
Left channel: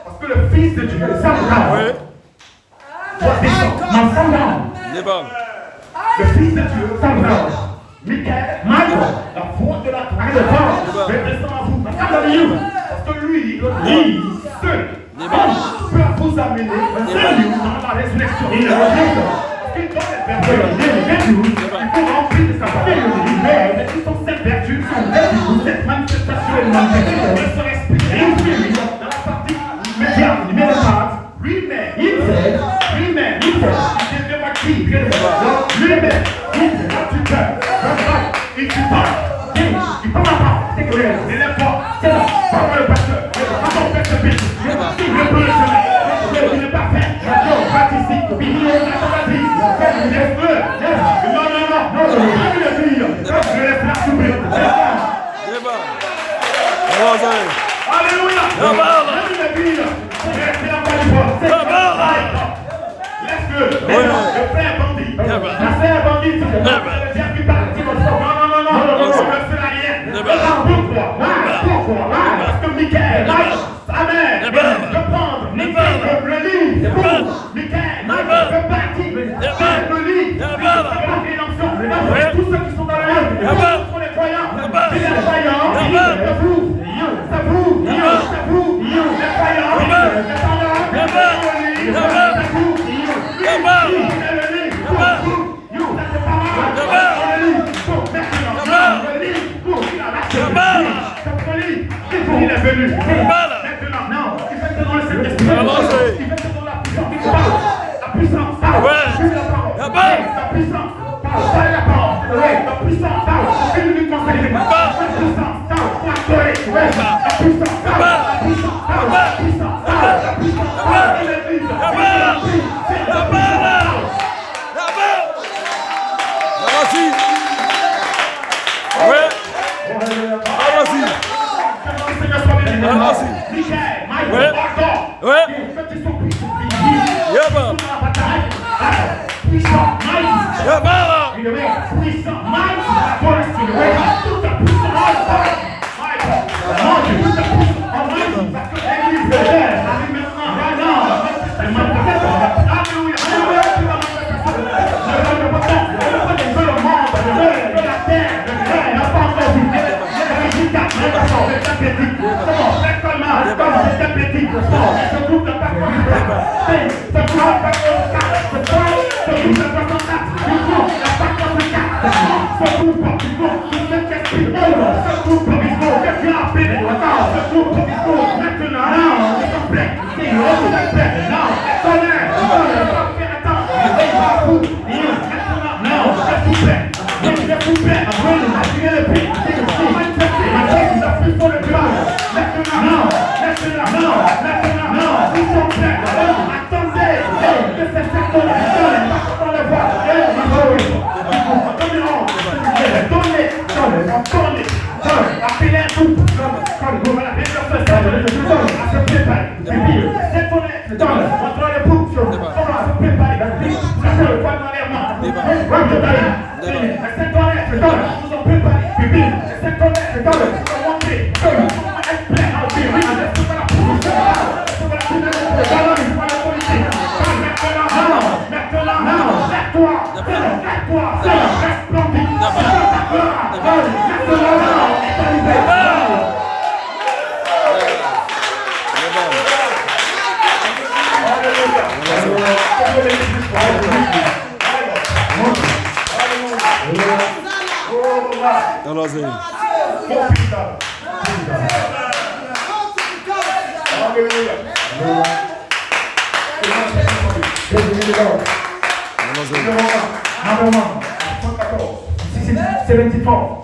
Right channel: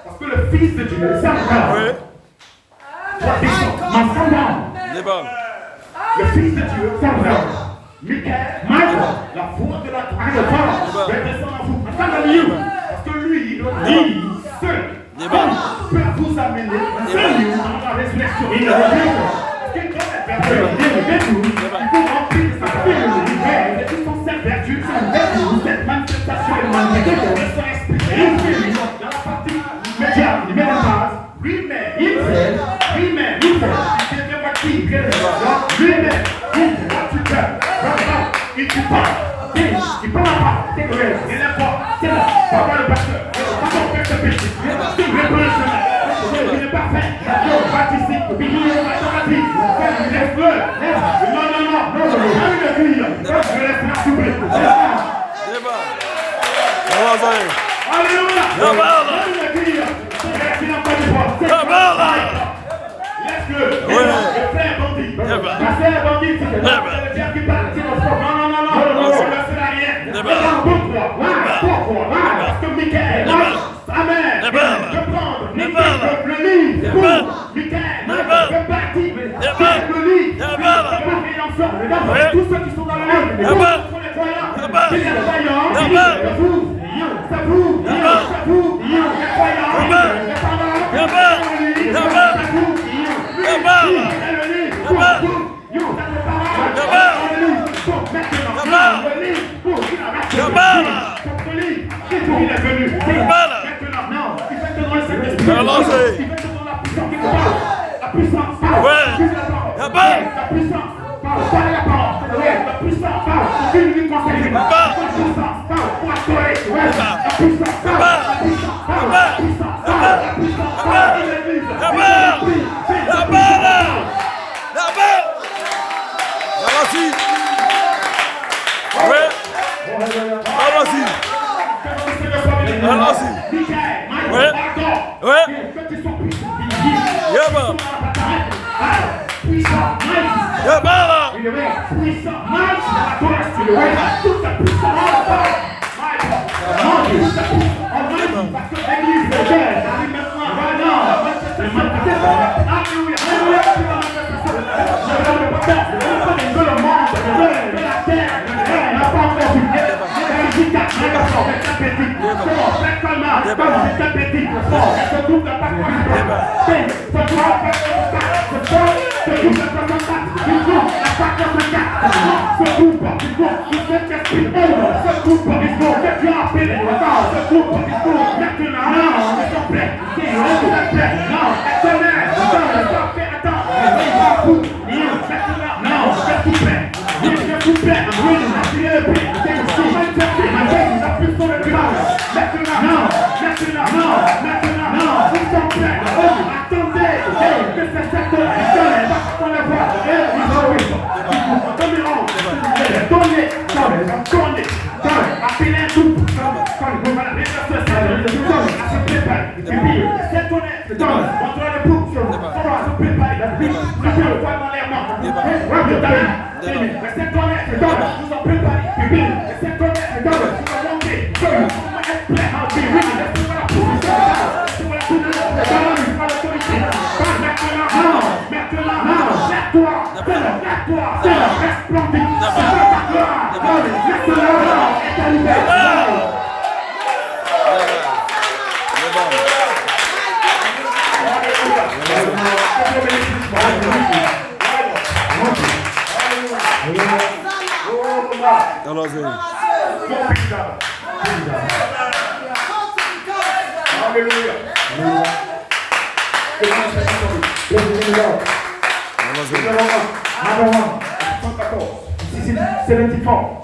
Parce que le Fils de Dieu, le Fils de Dieu, Michael, la voix de la gloire va descendre à vous. Parce que lui seul peut vous amener dans la résurrection. Il faut remplir de sa parole. C'est pour cette vertu, cette manifestation de son esprit. Dans la partie médiane, il met la phrase. Lui-même, il devient actif. Lui-même, il tue pas. Il prend la part. Il est fort. C'est là. Pas le pasteur. Pas faire ce péché. Il prend le chemin. Il n'est pas fait. Il participe. Il est feu. Non. Je vais le faire souper. Alléluia. Le frère bandit. La sœur bandit. Pourquoi? Parce que Michael, Amen, peut prendre, Michael peut le livre, Michael peut bâtir, le livre, tous ceux qui sont dans la rue, pour les croyants, les croyants, ça prouve, les croyants, il est venu. Maintenant, il fait dans le Saint-Esprit. La puissance. La puissance. La puissance. Il lui conseille. La puissance.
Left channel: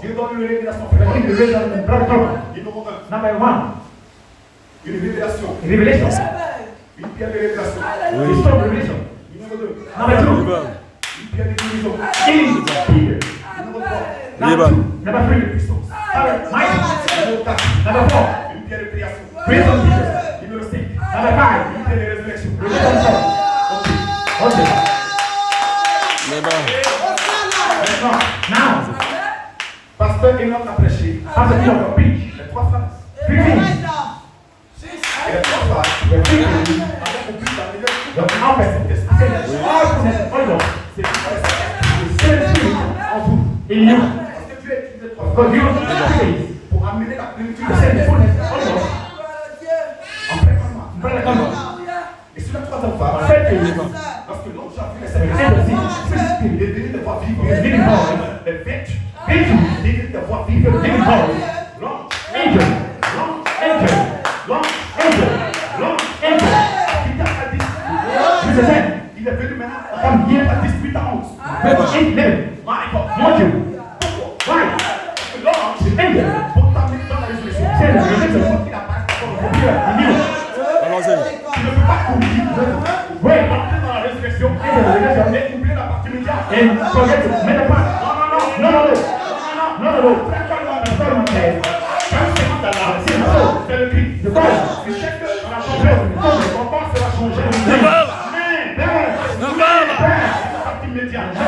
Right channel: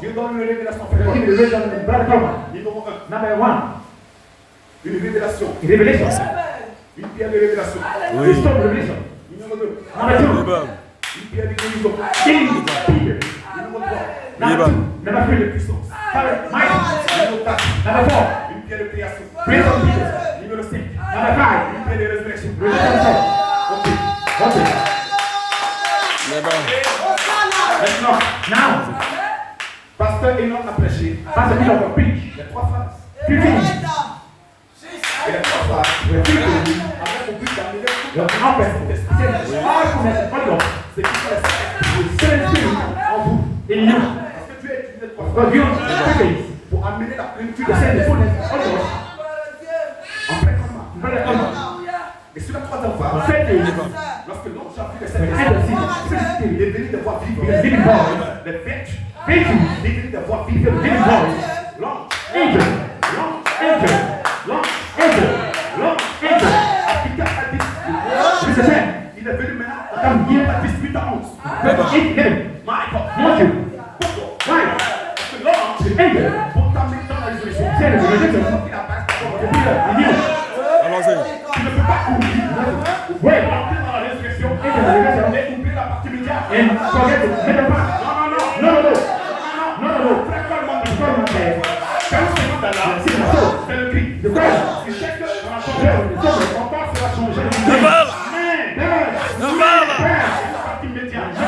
Dieu donne une révélation. Une révélation. Une pierre de révélation. Numéro 2. Une pierre de guérison. Numéro 3. De puissance. Numéro 4. Une pierre de création. Numéro 5. Une pierre de résurrection. Pasteur Enoch a prêché. Les 3 phases. Et les 3 phases. Avec au but d'arriver c'est qui en vous. Et nous. sorti de cette maison, il est venu de voir vivre les vertus. Il est venu de voir vivre les vertus. L'ange. Il est venu maintenant à 18 ans. Mon Dieu. Pour t'amener dans la résurrection. Allons-y. Tu ne peux pas courir. Oui, entrer dans la résurrection et oublier la partie médiane. Non. C'est le cri. Tu sais que dans la chambre, ton corps sera changé. La partie médiane. La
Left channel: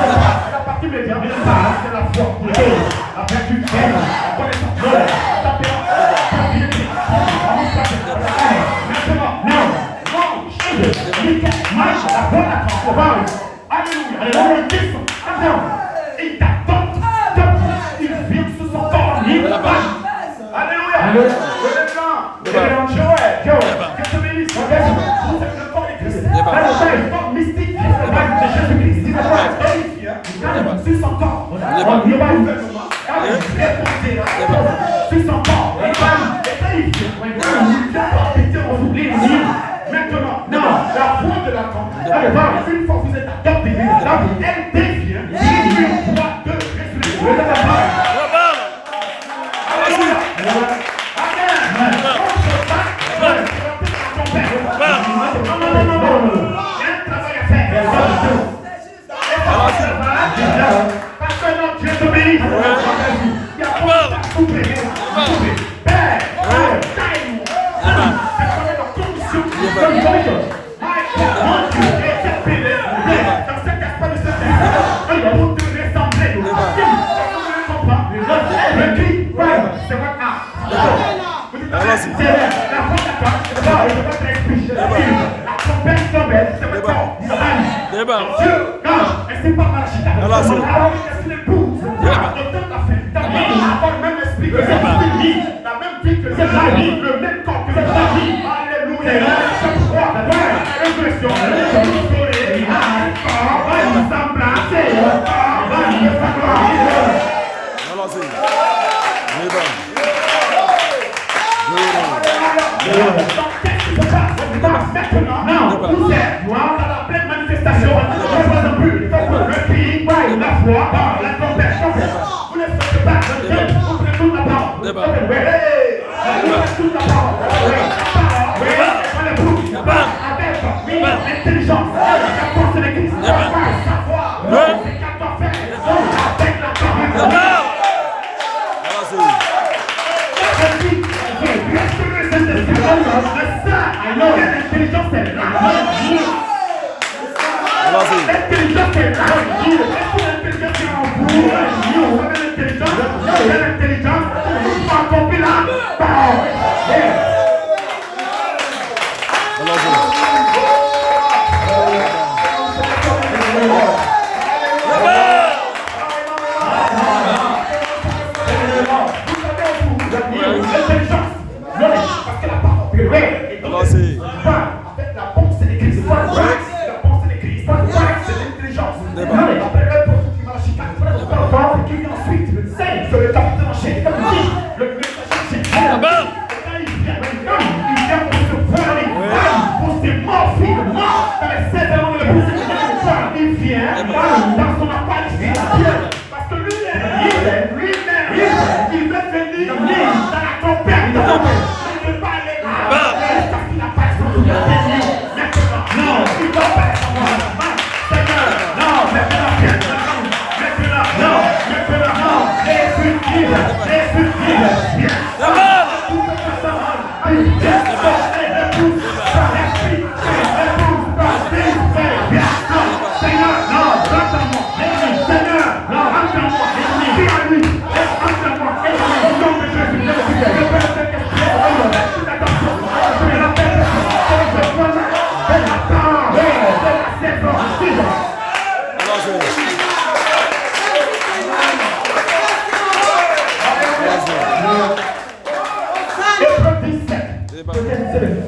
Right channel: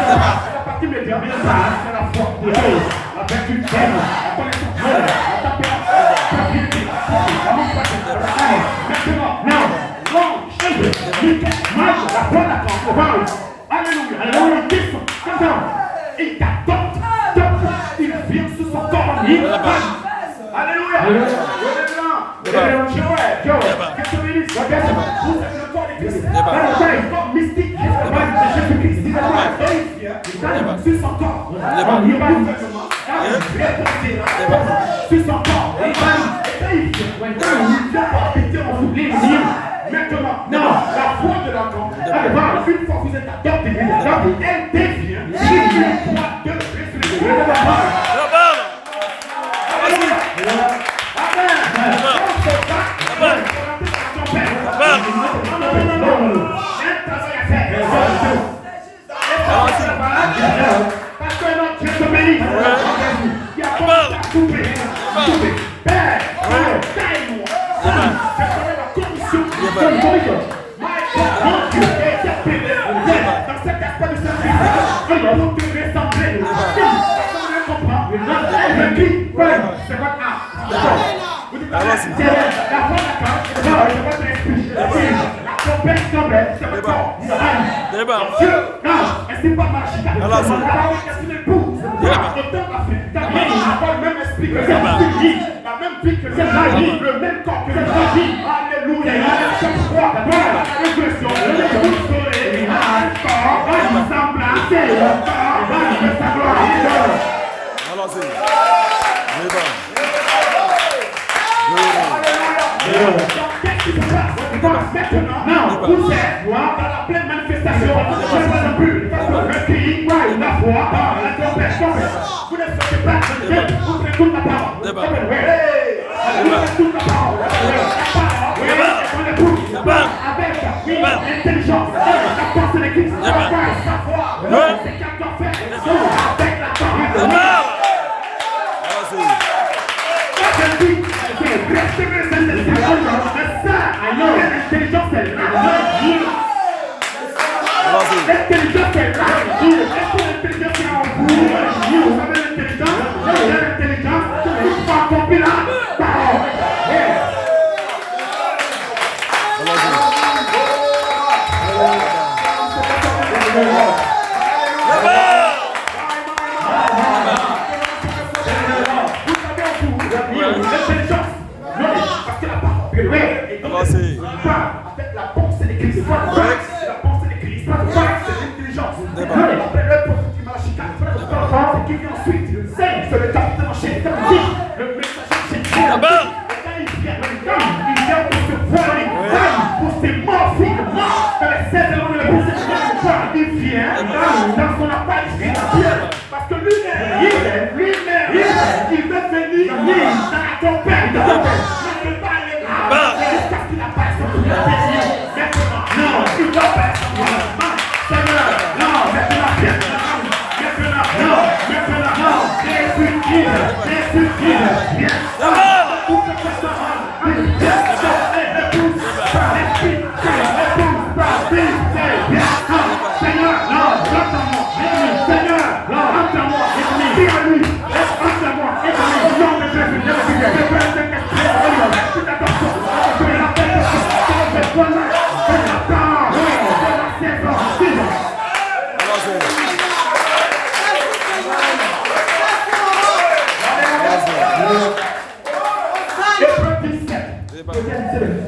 partie médiane, c'est la foi. La vertu, la connaissance, la tempérance, la piété. Alléluia. Il t'adopte. Il vient sur son corps. Alléluia. Joël, que te bénisse. Vous êtes le corps de Christ. Le corps mystique. Jésus-Christ. Il est sur son corps. Il va gouvernement. Sur son corps. Maintenant, la foi de l'enfant, une fois que vous êtes adopté, elle devient une foi de résurrection.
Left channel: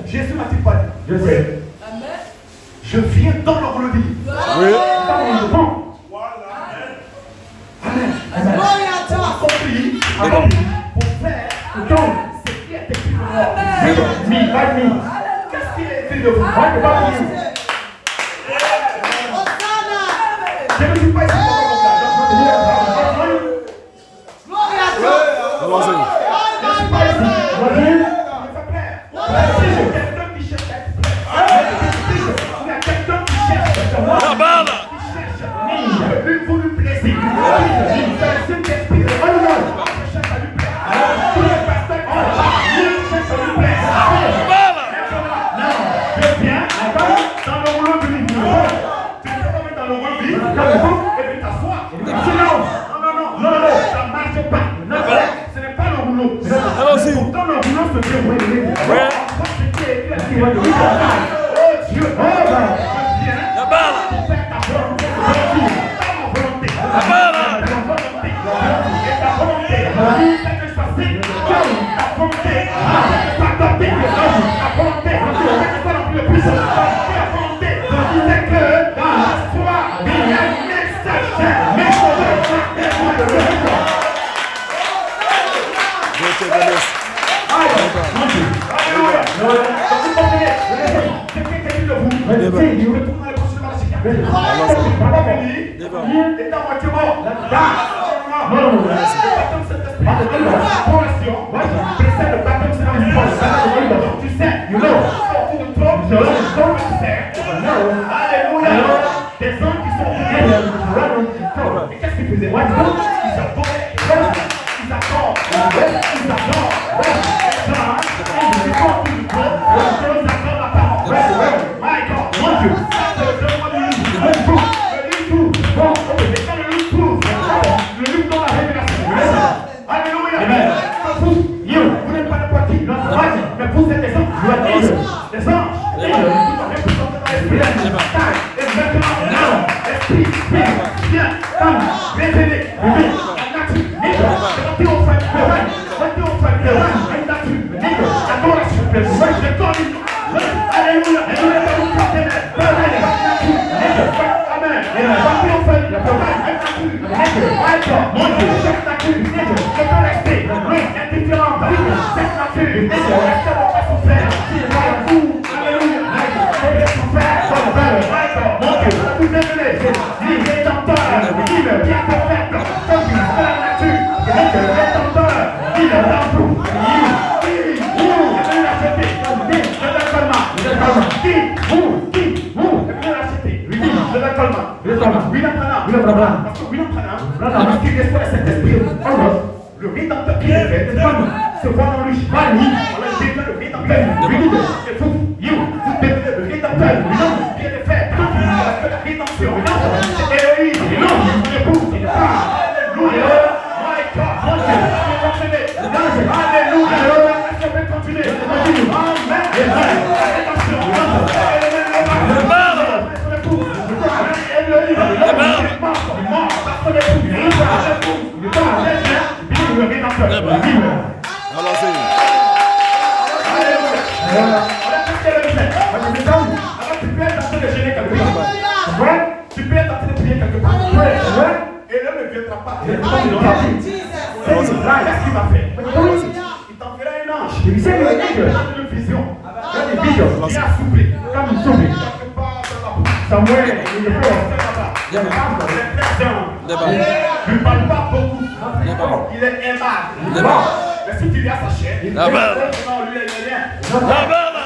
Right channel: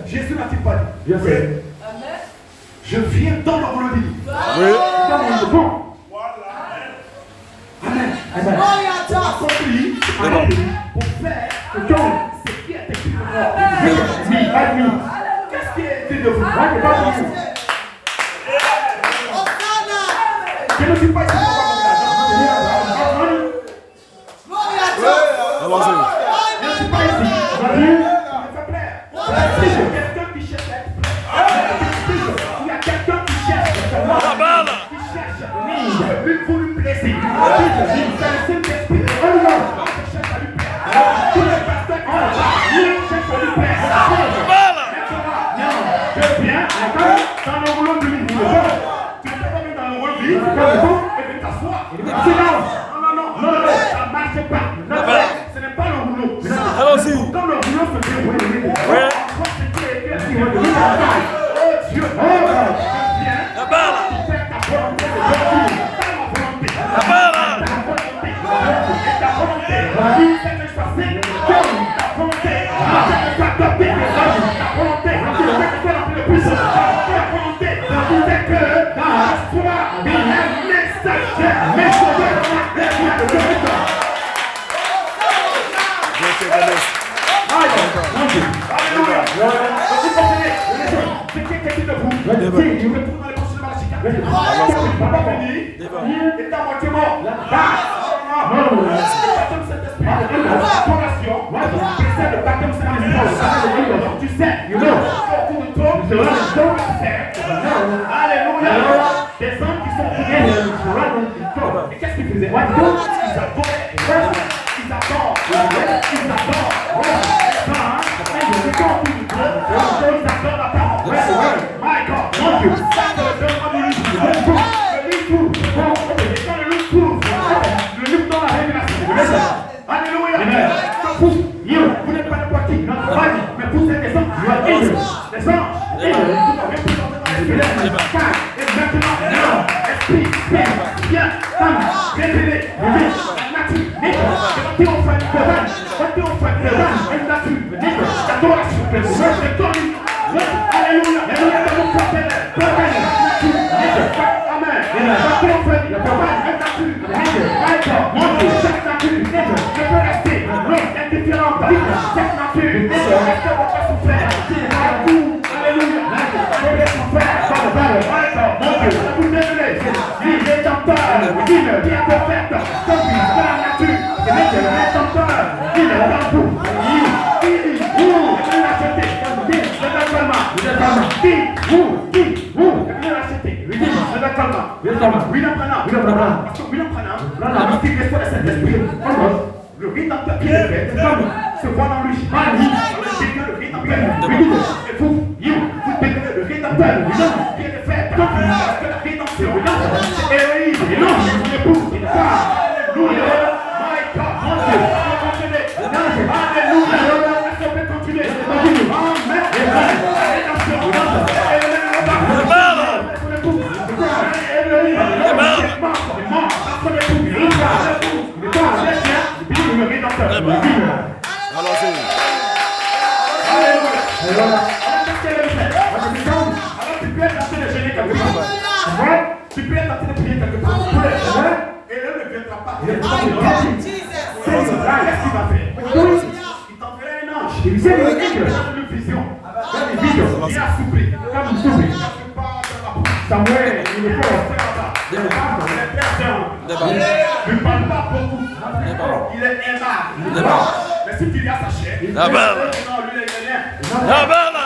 Jésus n'a-t-il pas dit? Je viens dans leur vie. Oui. D'accord. Pour faire ce qui est écrit dehors. Qu'est-ce qui est écrit de vous? Je ne suis pas ici pour Allons-y. je ne suis pas ici. Si je quelqu'un qui cherche, il y a quelqu'un qui cherche, La balle. pour lui plaisir. C'est le Saint-Esprit. Je cherche à lui plaire. Tous les pasteurs qui cherchent à lui plaire. La balle. Je viens dans le rouleau du lit. Tu ne peux pas mettre dans le rouleau du lit et puis t'asseoir. Non, ça ne marche pas. Ce n'est pas le rouleau. Allons-y. Quand le rouleau se déroule, Ouais. on voit ce qui est écrit. Oh Dieu, je viens La balle. pour faire ta volonté. Ta volonté. La balle. Ta volonté. Et ta volonté. C'est de choisir. Ta volonté. C'est d'adopter les hommes. Ta volonté. C'est de faire le puissant. Ta volonté. C'est que dans la foi, il y a un message. Dieu te bénisse. Des hommes qui sont et qu'est-ce qu'ils faisaient? Ils adoraient. Ils adorent. My God, mon Dieu. Le livre dans la révélation. Alléluia. Vous n'êtes pas n'importe qui. Mais vous êtes des anges. Des anges. Viens, femme, révélé, alléluia, le rédempteur qui est se voit dans lui. Le rédempteur. Et vous devenez le rédempteur qui est le fait. Parce que la rédemption, c'est Héloïse. L'épouse. Alléluia. My God. Alléluia. Est-ce qu'on peut continuer? Amen. La balle. La balle. Allons-y. Tu peux être en train de prier quelque part. Et Dieu ne viendra pas. Qu'est-ce qu'il va faire? Il t'enverra un ange. Il a une vision. Il a soufflé. Comme il souffle. Samuel, il est fort. Il ne parle pas beaucoup. Il est aimable. Mais si tu lui as sa chair, La balle. non, lui, il est rien. La balle.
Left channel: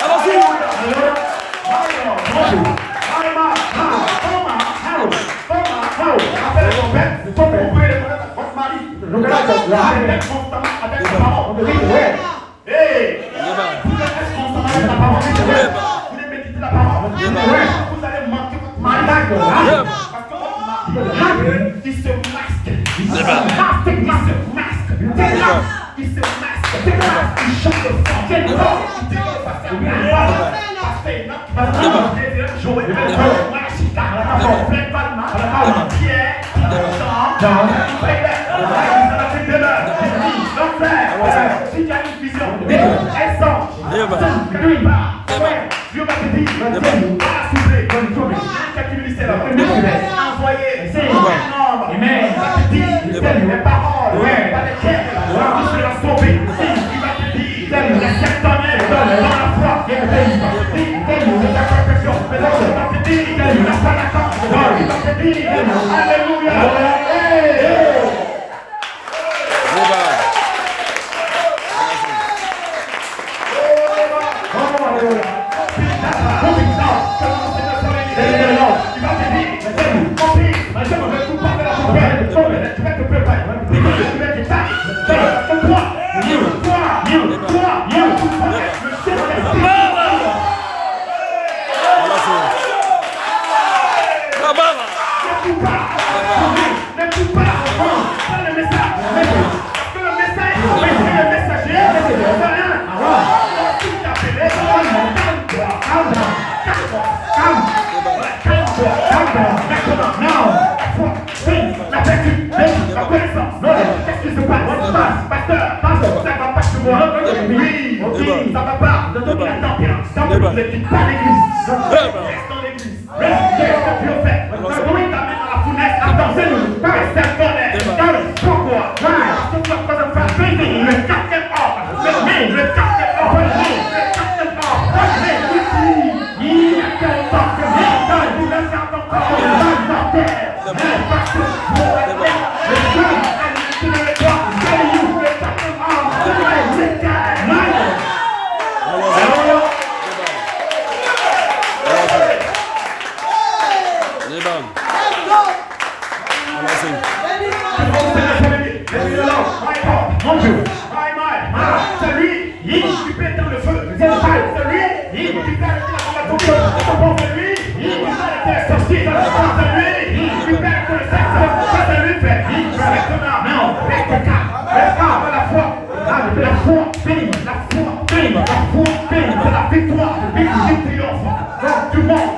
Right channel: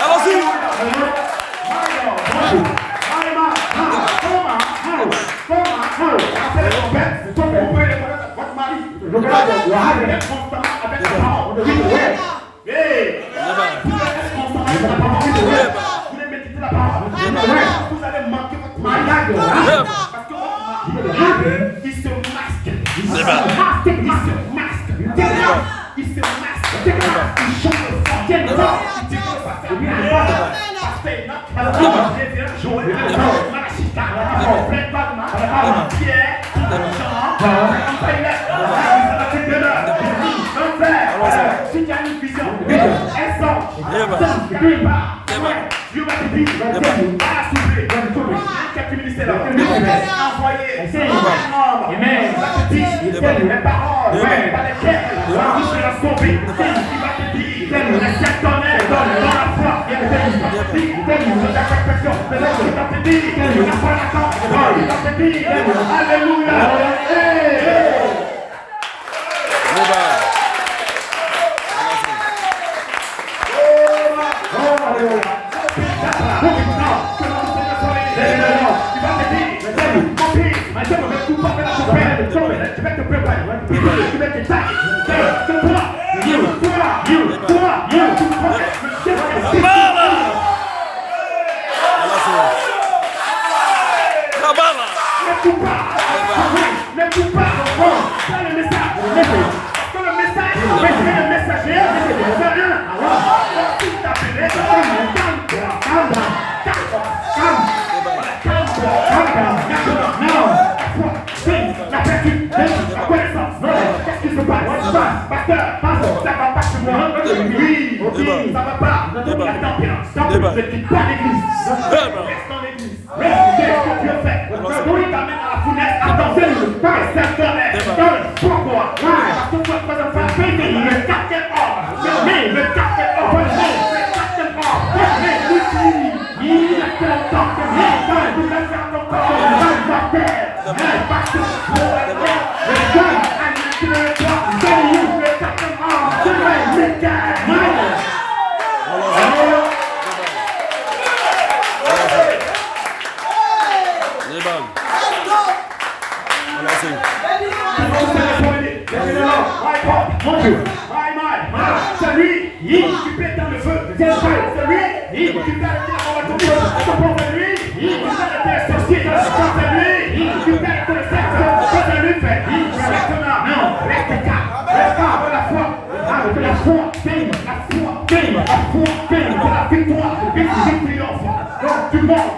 Allons-y. Il se masque. Il chante le sang. Il si tu as une vision, un sang, Débat. Débat. Dieu va te dire, Débat. va la souffler, quelques ministères envoyer un homme, va te dire, les paroles, va lesquelles, je suis la sauver, il va te dire, laisse ton air dans la foi, il va te dire, la perfection, il va te dire, la foi d'accord, il va te dire, alléluia, Débat. La bala. Oui, ça va pas. Débat. Ne quitte pas l'église. Reste dans l'église. Reste ce que tu as fait. Oui, t'amènes à la fournaise. Attends, reste colère. Pourquoi? Parce que tu as pas de faire péter le quatrième ordre. Mais le quatrième ordre. Il y a quel temps que il va faire ton corps. Celui, il occupait dans le feu. Celui, il occupait la combattant. Celui, il occupait les sorciers. Celui, il occupait la connaissance. Celui fait. Non, reste calme. Reste calme. La foi, la foi, la victoire, victoire triomphe. Donc du monde,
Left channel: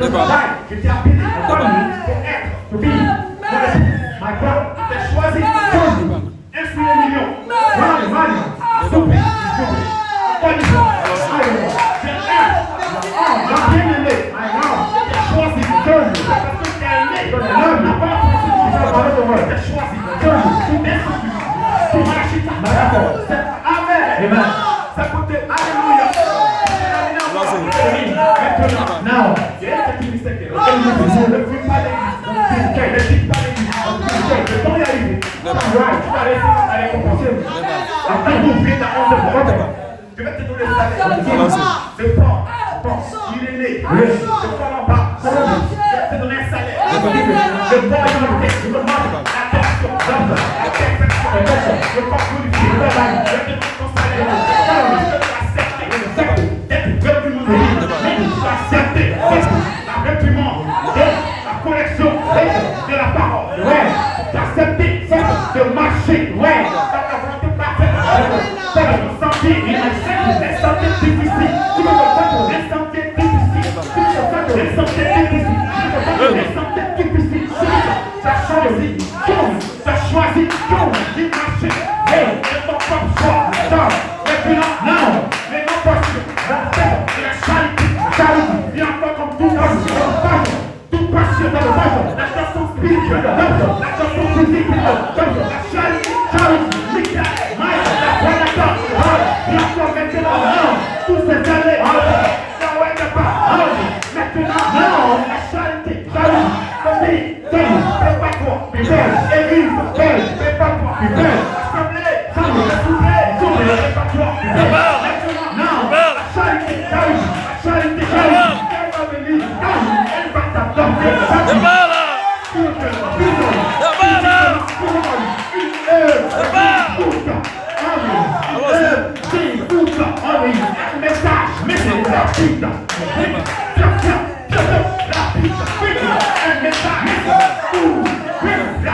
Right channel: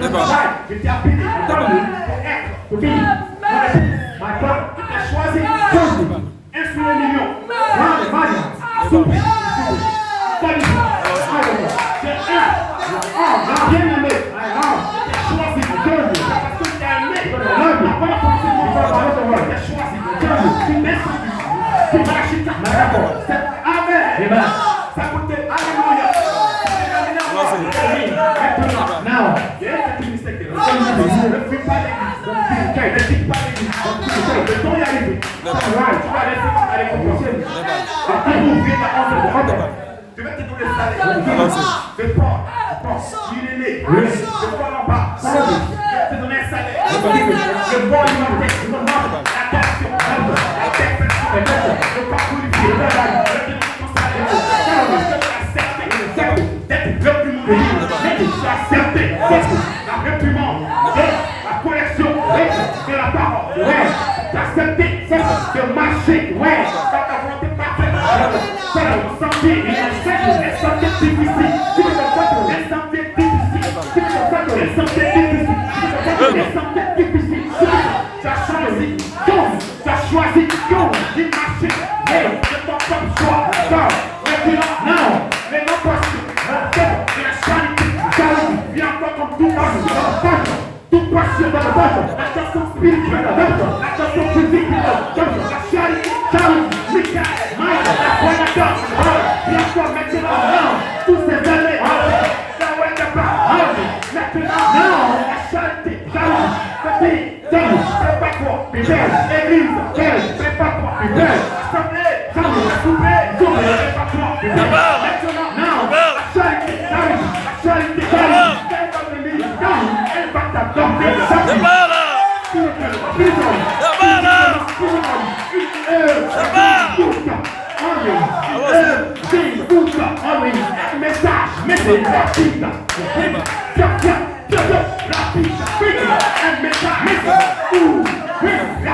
La bala!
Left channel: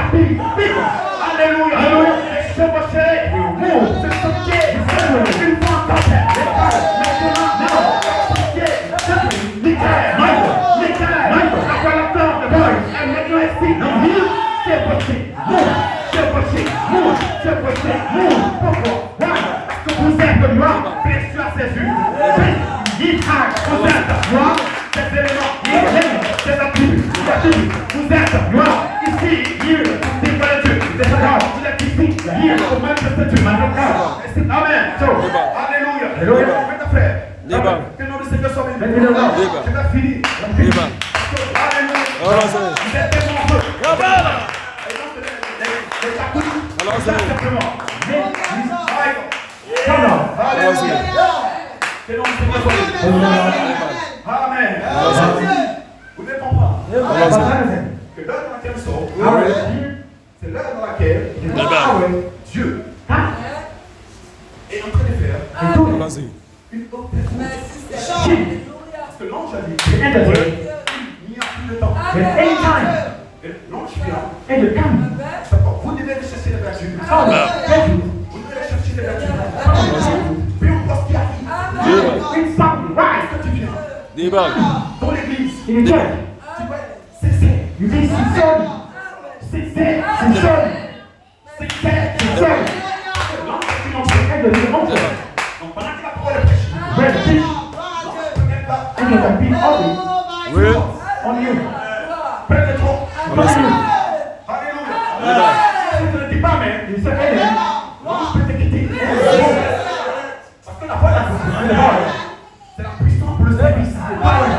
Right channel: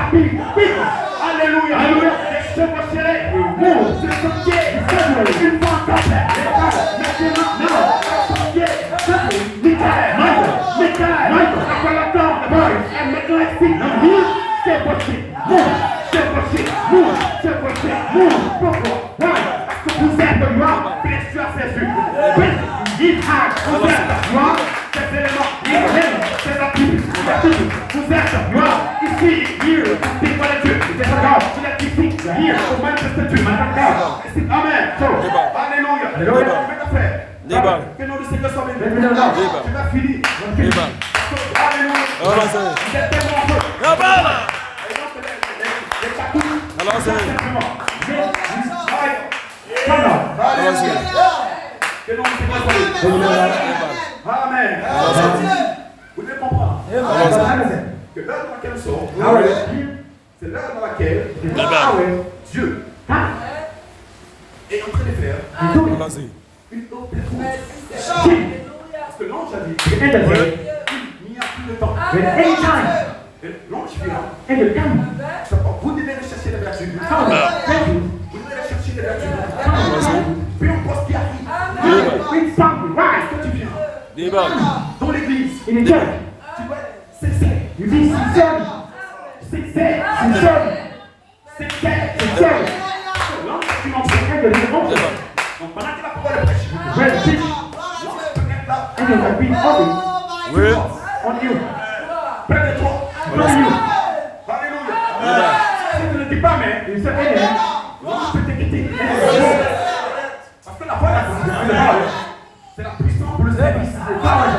Alléluia. Alléluia. Les chevauchés. Se sortir. Une fois encore. Maintenant. C'est possible. Vous êtes moi, précieux à ses yeux. Vous êtes moi, c'est l'élément, c'est la Bible. Vous êtes moi, ici, here, devant Dieu. C'est ça, il est ici, here, au Manchester Dieu. Amen. Alléluia. Débat. Que nom du Seigneur soit béni. Débat. Tu vas finir. Débat. Alléluia. Alors c'est. La balle. Alors c'est. Alors c'est. Que nom du Seigneur soit béni. Amen. Vous devez comprendre Alors c'est. que l'heure dans laquelle nous sommes, c'est l'heure dans laquelle Dieu est en train de faire Alors c'est. une autre Parce que l'ange a dit, il n'y a plus de temps. Et l'ange vient. Vous devez aller chercher les vertus. Vous devez aller chercher les vertus. Peu importe ce qui arrive. Est-ce que tu viens Débat. dans l'église? Débat. Tu dois cesser. L'ange est une enseigne. Donc pendant que la parole est prêchée, Oui. près de toi. Alors c'est. Alléluia. Débat. Si tu ne dis pas mais, tu peux te quitter. Parce que la parole, c'est la puissance pour le service. La parole,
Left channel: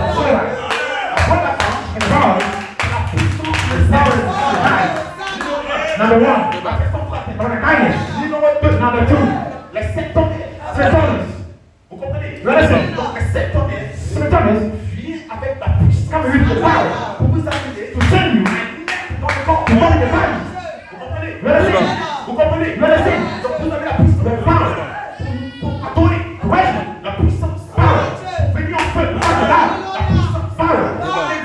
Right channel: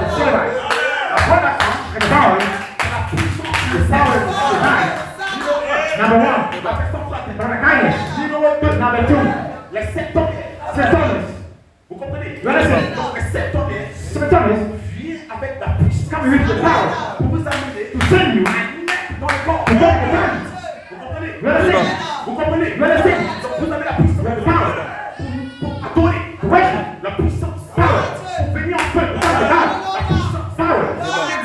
c'est la puissance pour le service. Number one. Débat. Numéro 2. Number two. Les 7 tonnes. Vous comprenez? Donc les 7 tonnes viennent avec la puissance pour vous amener à mettre dans le corps. Vous comprenez? Débat. Vous comprenez? Donc vous avez la puissance pour adorer. La puissance pour venir en feu. La puissance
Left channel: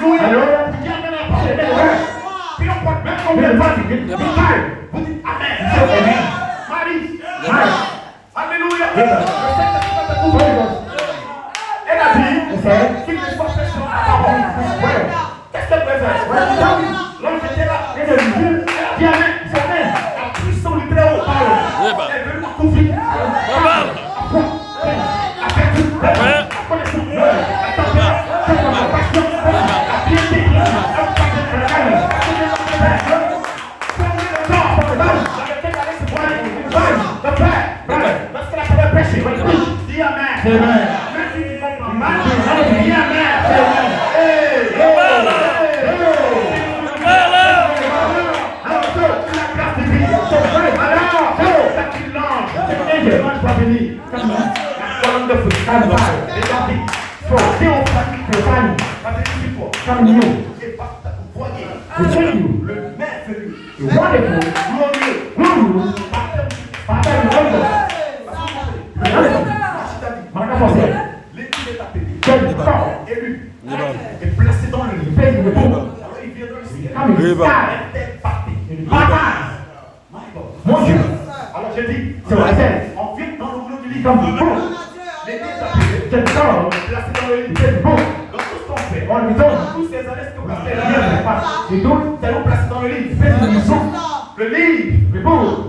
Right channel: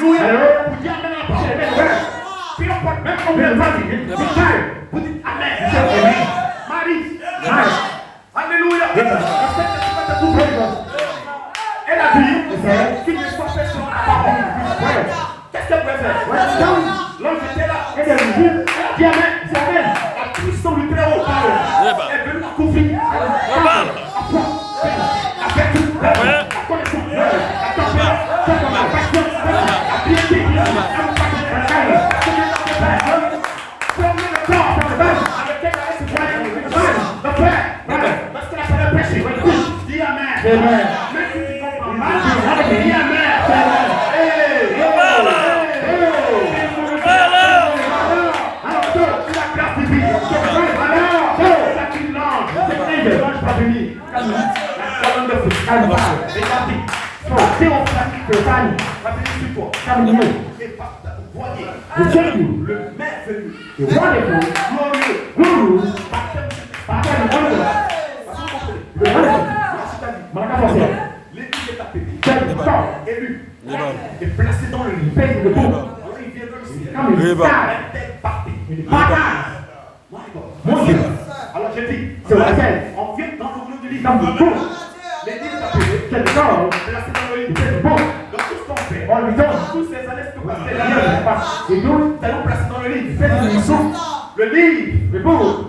Alléluia. Vous dites amen à la parole. Puis on parle même quand vous êtes fatigué. Vous dites amen. Marie. Alléluia. Elle a dit qu'il ne soit fait sur la parole. Qu'est-ce qu'elle peut faire? L'ange était là. Elle a dit amen. La puissance du très haut Débat. est venue en conflit. La balle. Ouais. Le maire venu, glorieux, l'équipe est appelée, élu, et placé dans le lit. Alors il vient dans le ciel. Débat. La tête partée. Débat. Mon Dieu. Alors je dis, on vient dans le rouleau du lit. L'équipe est appelée, placé dans le lit. Donc tout ce qu'on fait, tous ces années que passer nous allons placer dans le livre. Le livre,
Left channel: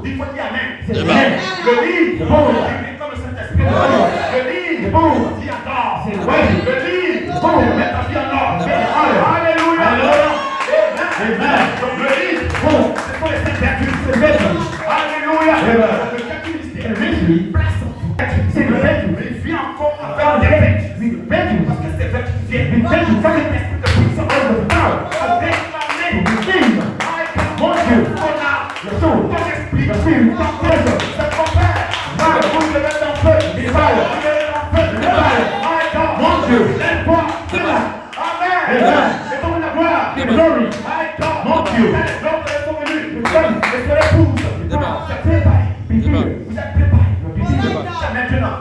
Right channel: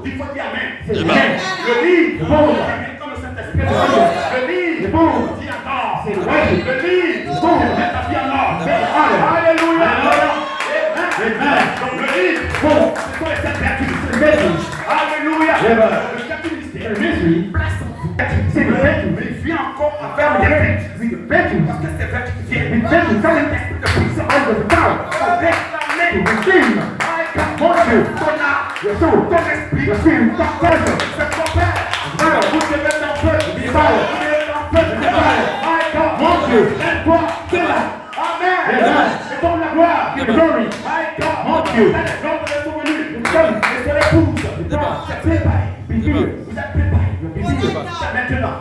il faut dire amen. Débat. Le livre, c'est comme le Saint-Esprit. Le livre, dit encore. Le livre, met ta vie en ordre. Alléluia. Amen. Donc le livre, c'est pour les sept vertus. Alléluia. Le quatrième mystère, place en c'est le vertu. Mais il vient encore à faire des vertus. Parce que c'est vertu qui viennent. Quand le test de puissance, déclamer. Mon Dieu, ton esprit, ta force, c'est ton Père. Vous devez être en feu. Mon Dieu, aide-toi. Amen. C'est ton la gloire. Glory. Mon Dieu, l'homme est revenu. Et son épouse. Vous êtes préparés. Vous êtes préparés. Maintenant.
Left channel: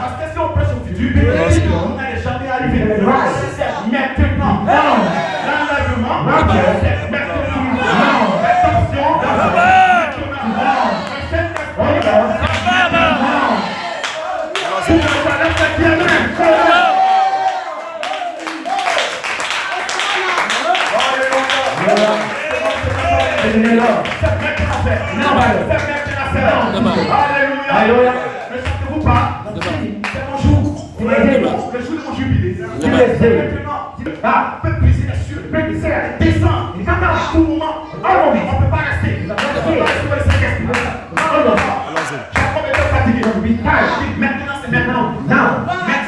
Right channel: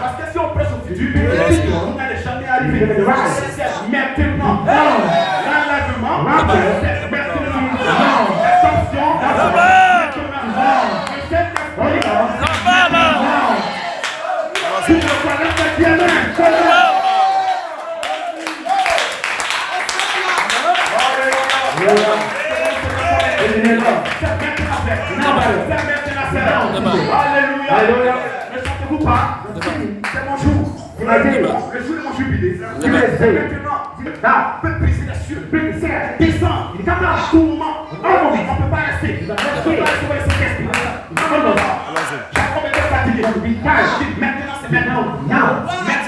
Parce que si on prêche au fils, du pays, on n'allait jamais arriver. Maintenant, l'enlèvement, Alléluia. Ne sentez-vous pas? C'est mon jour. Le jour de mon jubilé. Maintenant, on peut briser les cieux. Descendre. Il y a un tourment. On ne peut pas rester. On ne peut pas rester sur les séquestres. Jacob était fatigué. Maintenant, c'est maintenant. Maintenant,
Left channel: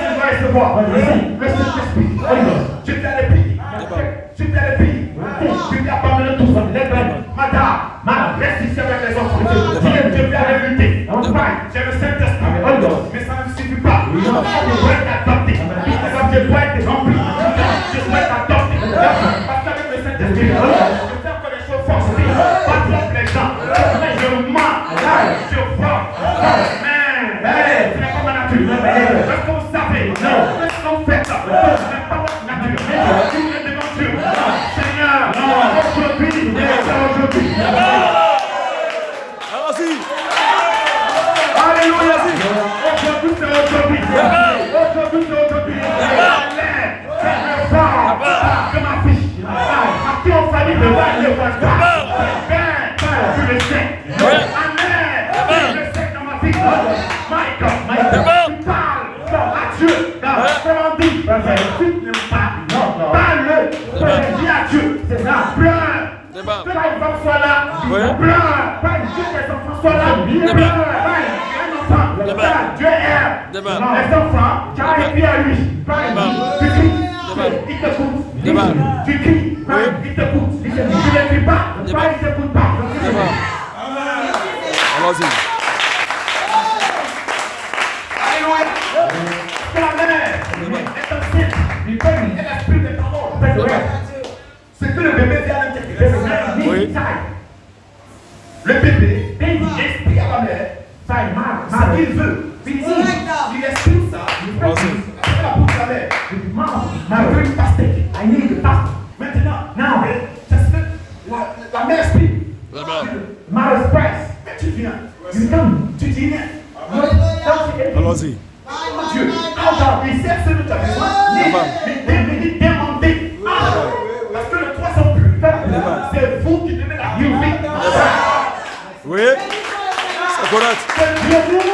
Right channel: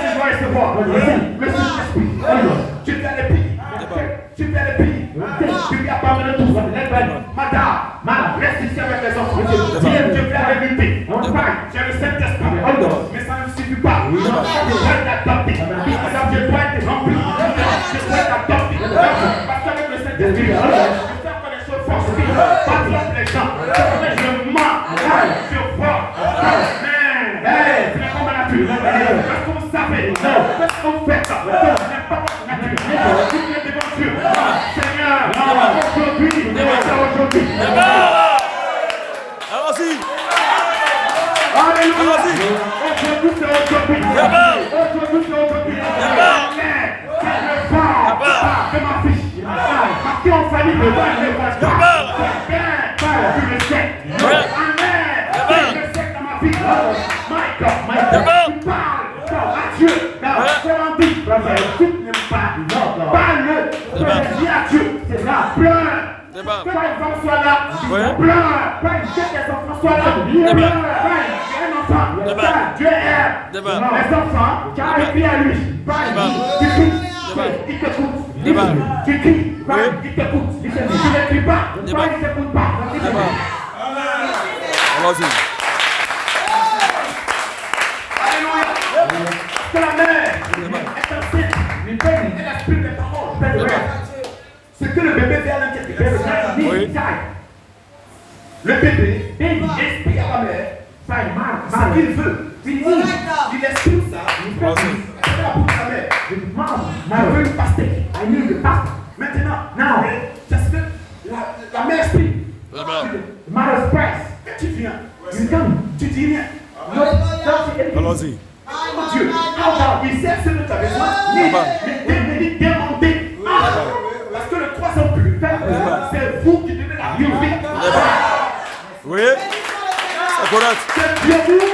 on va recevoir le Saint-Esprit. Tu fais les pays. Tu fais les pays. Tu lui abandonnes tout ça. Madame, reste ici avec les enfants. Je vais avec l'unité. J'ai le Saint-Esprit. Mais ça ne suffit pas. Je dois être adopté. Je dois être rempli. Je dois être adopté. Parce qu'avec le Saint-Esprit, je fais que les choses forcent. Pas les gens. Je mens. Je vois. Mais, c'est comme la nature. Est-ce que vous savez? Qu'est-ce que vous faites? C'est pas votre nature. Vous êtes devant Dieu. Seigneur, aujourd'hui, Allons-y. Alléluia. Allons-y. Aujourd'hui, c'est aujourd'hui. Aujourd'hui, c'est aujourd'hui. Que ma fille. À qui on famille, le voit, le voit. Tu le sais. Amen. Tu le sais dans ma vie. My God. Tu parles à Dieu. Comment dit? Tu n'aimes pas. Parle-le. Dis à Dieu. C'est ça. Pleure. Pas les enfants soient là. Pleure. Pas les enfants soient là. Pleure. Dieu aime les enfants, car il crie à lui. Tu cries, il t'écoute. Tu cries, il t'écoute. Tu ne cries pas, il ne t'écoute pas. Allons-y. Que la mère est enceinte, lui donne l'esprit de parole. Ce que le bébé fait à l'intérieur, le bébé explique à la mère ce qu'il veut. Il exprime ça. Il fait la bouche à la mère. Je veux une pastèque. Maintenant, j'espère que la mère exprime. Tu viens. Tu dis rien. Allons-y. Dieu, il sait ce que tu as besoin. Mais demandez. Parce que le 300 plus faible, c'est vous qui devez la vivre. Oui. C'est correct. C'est Dieu vous.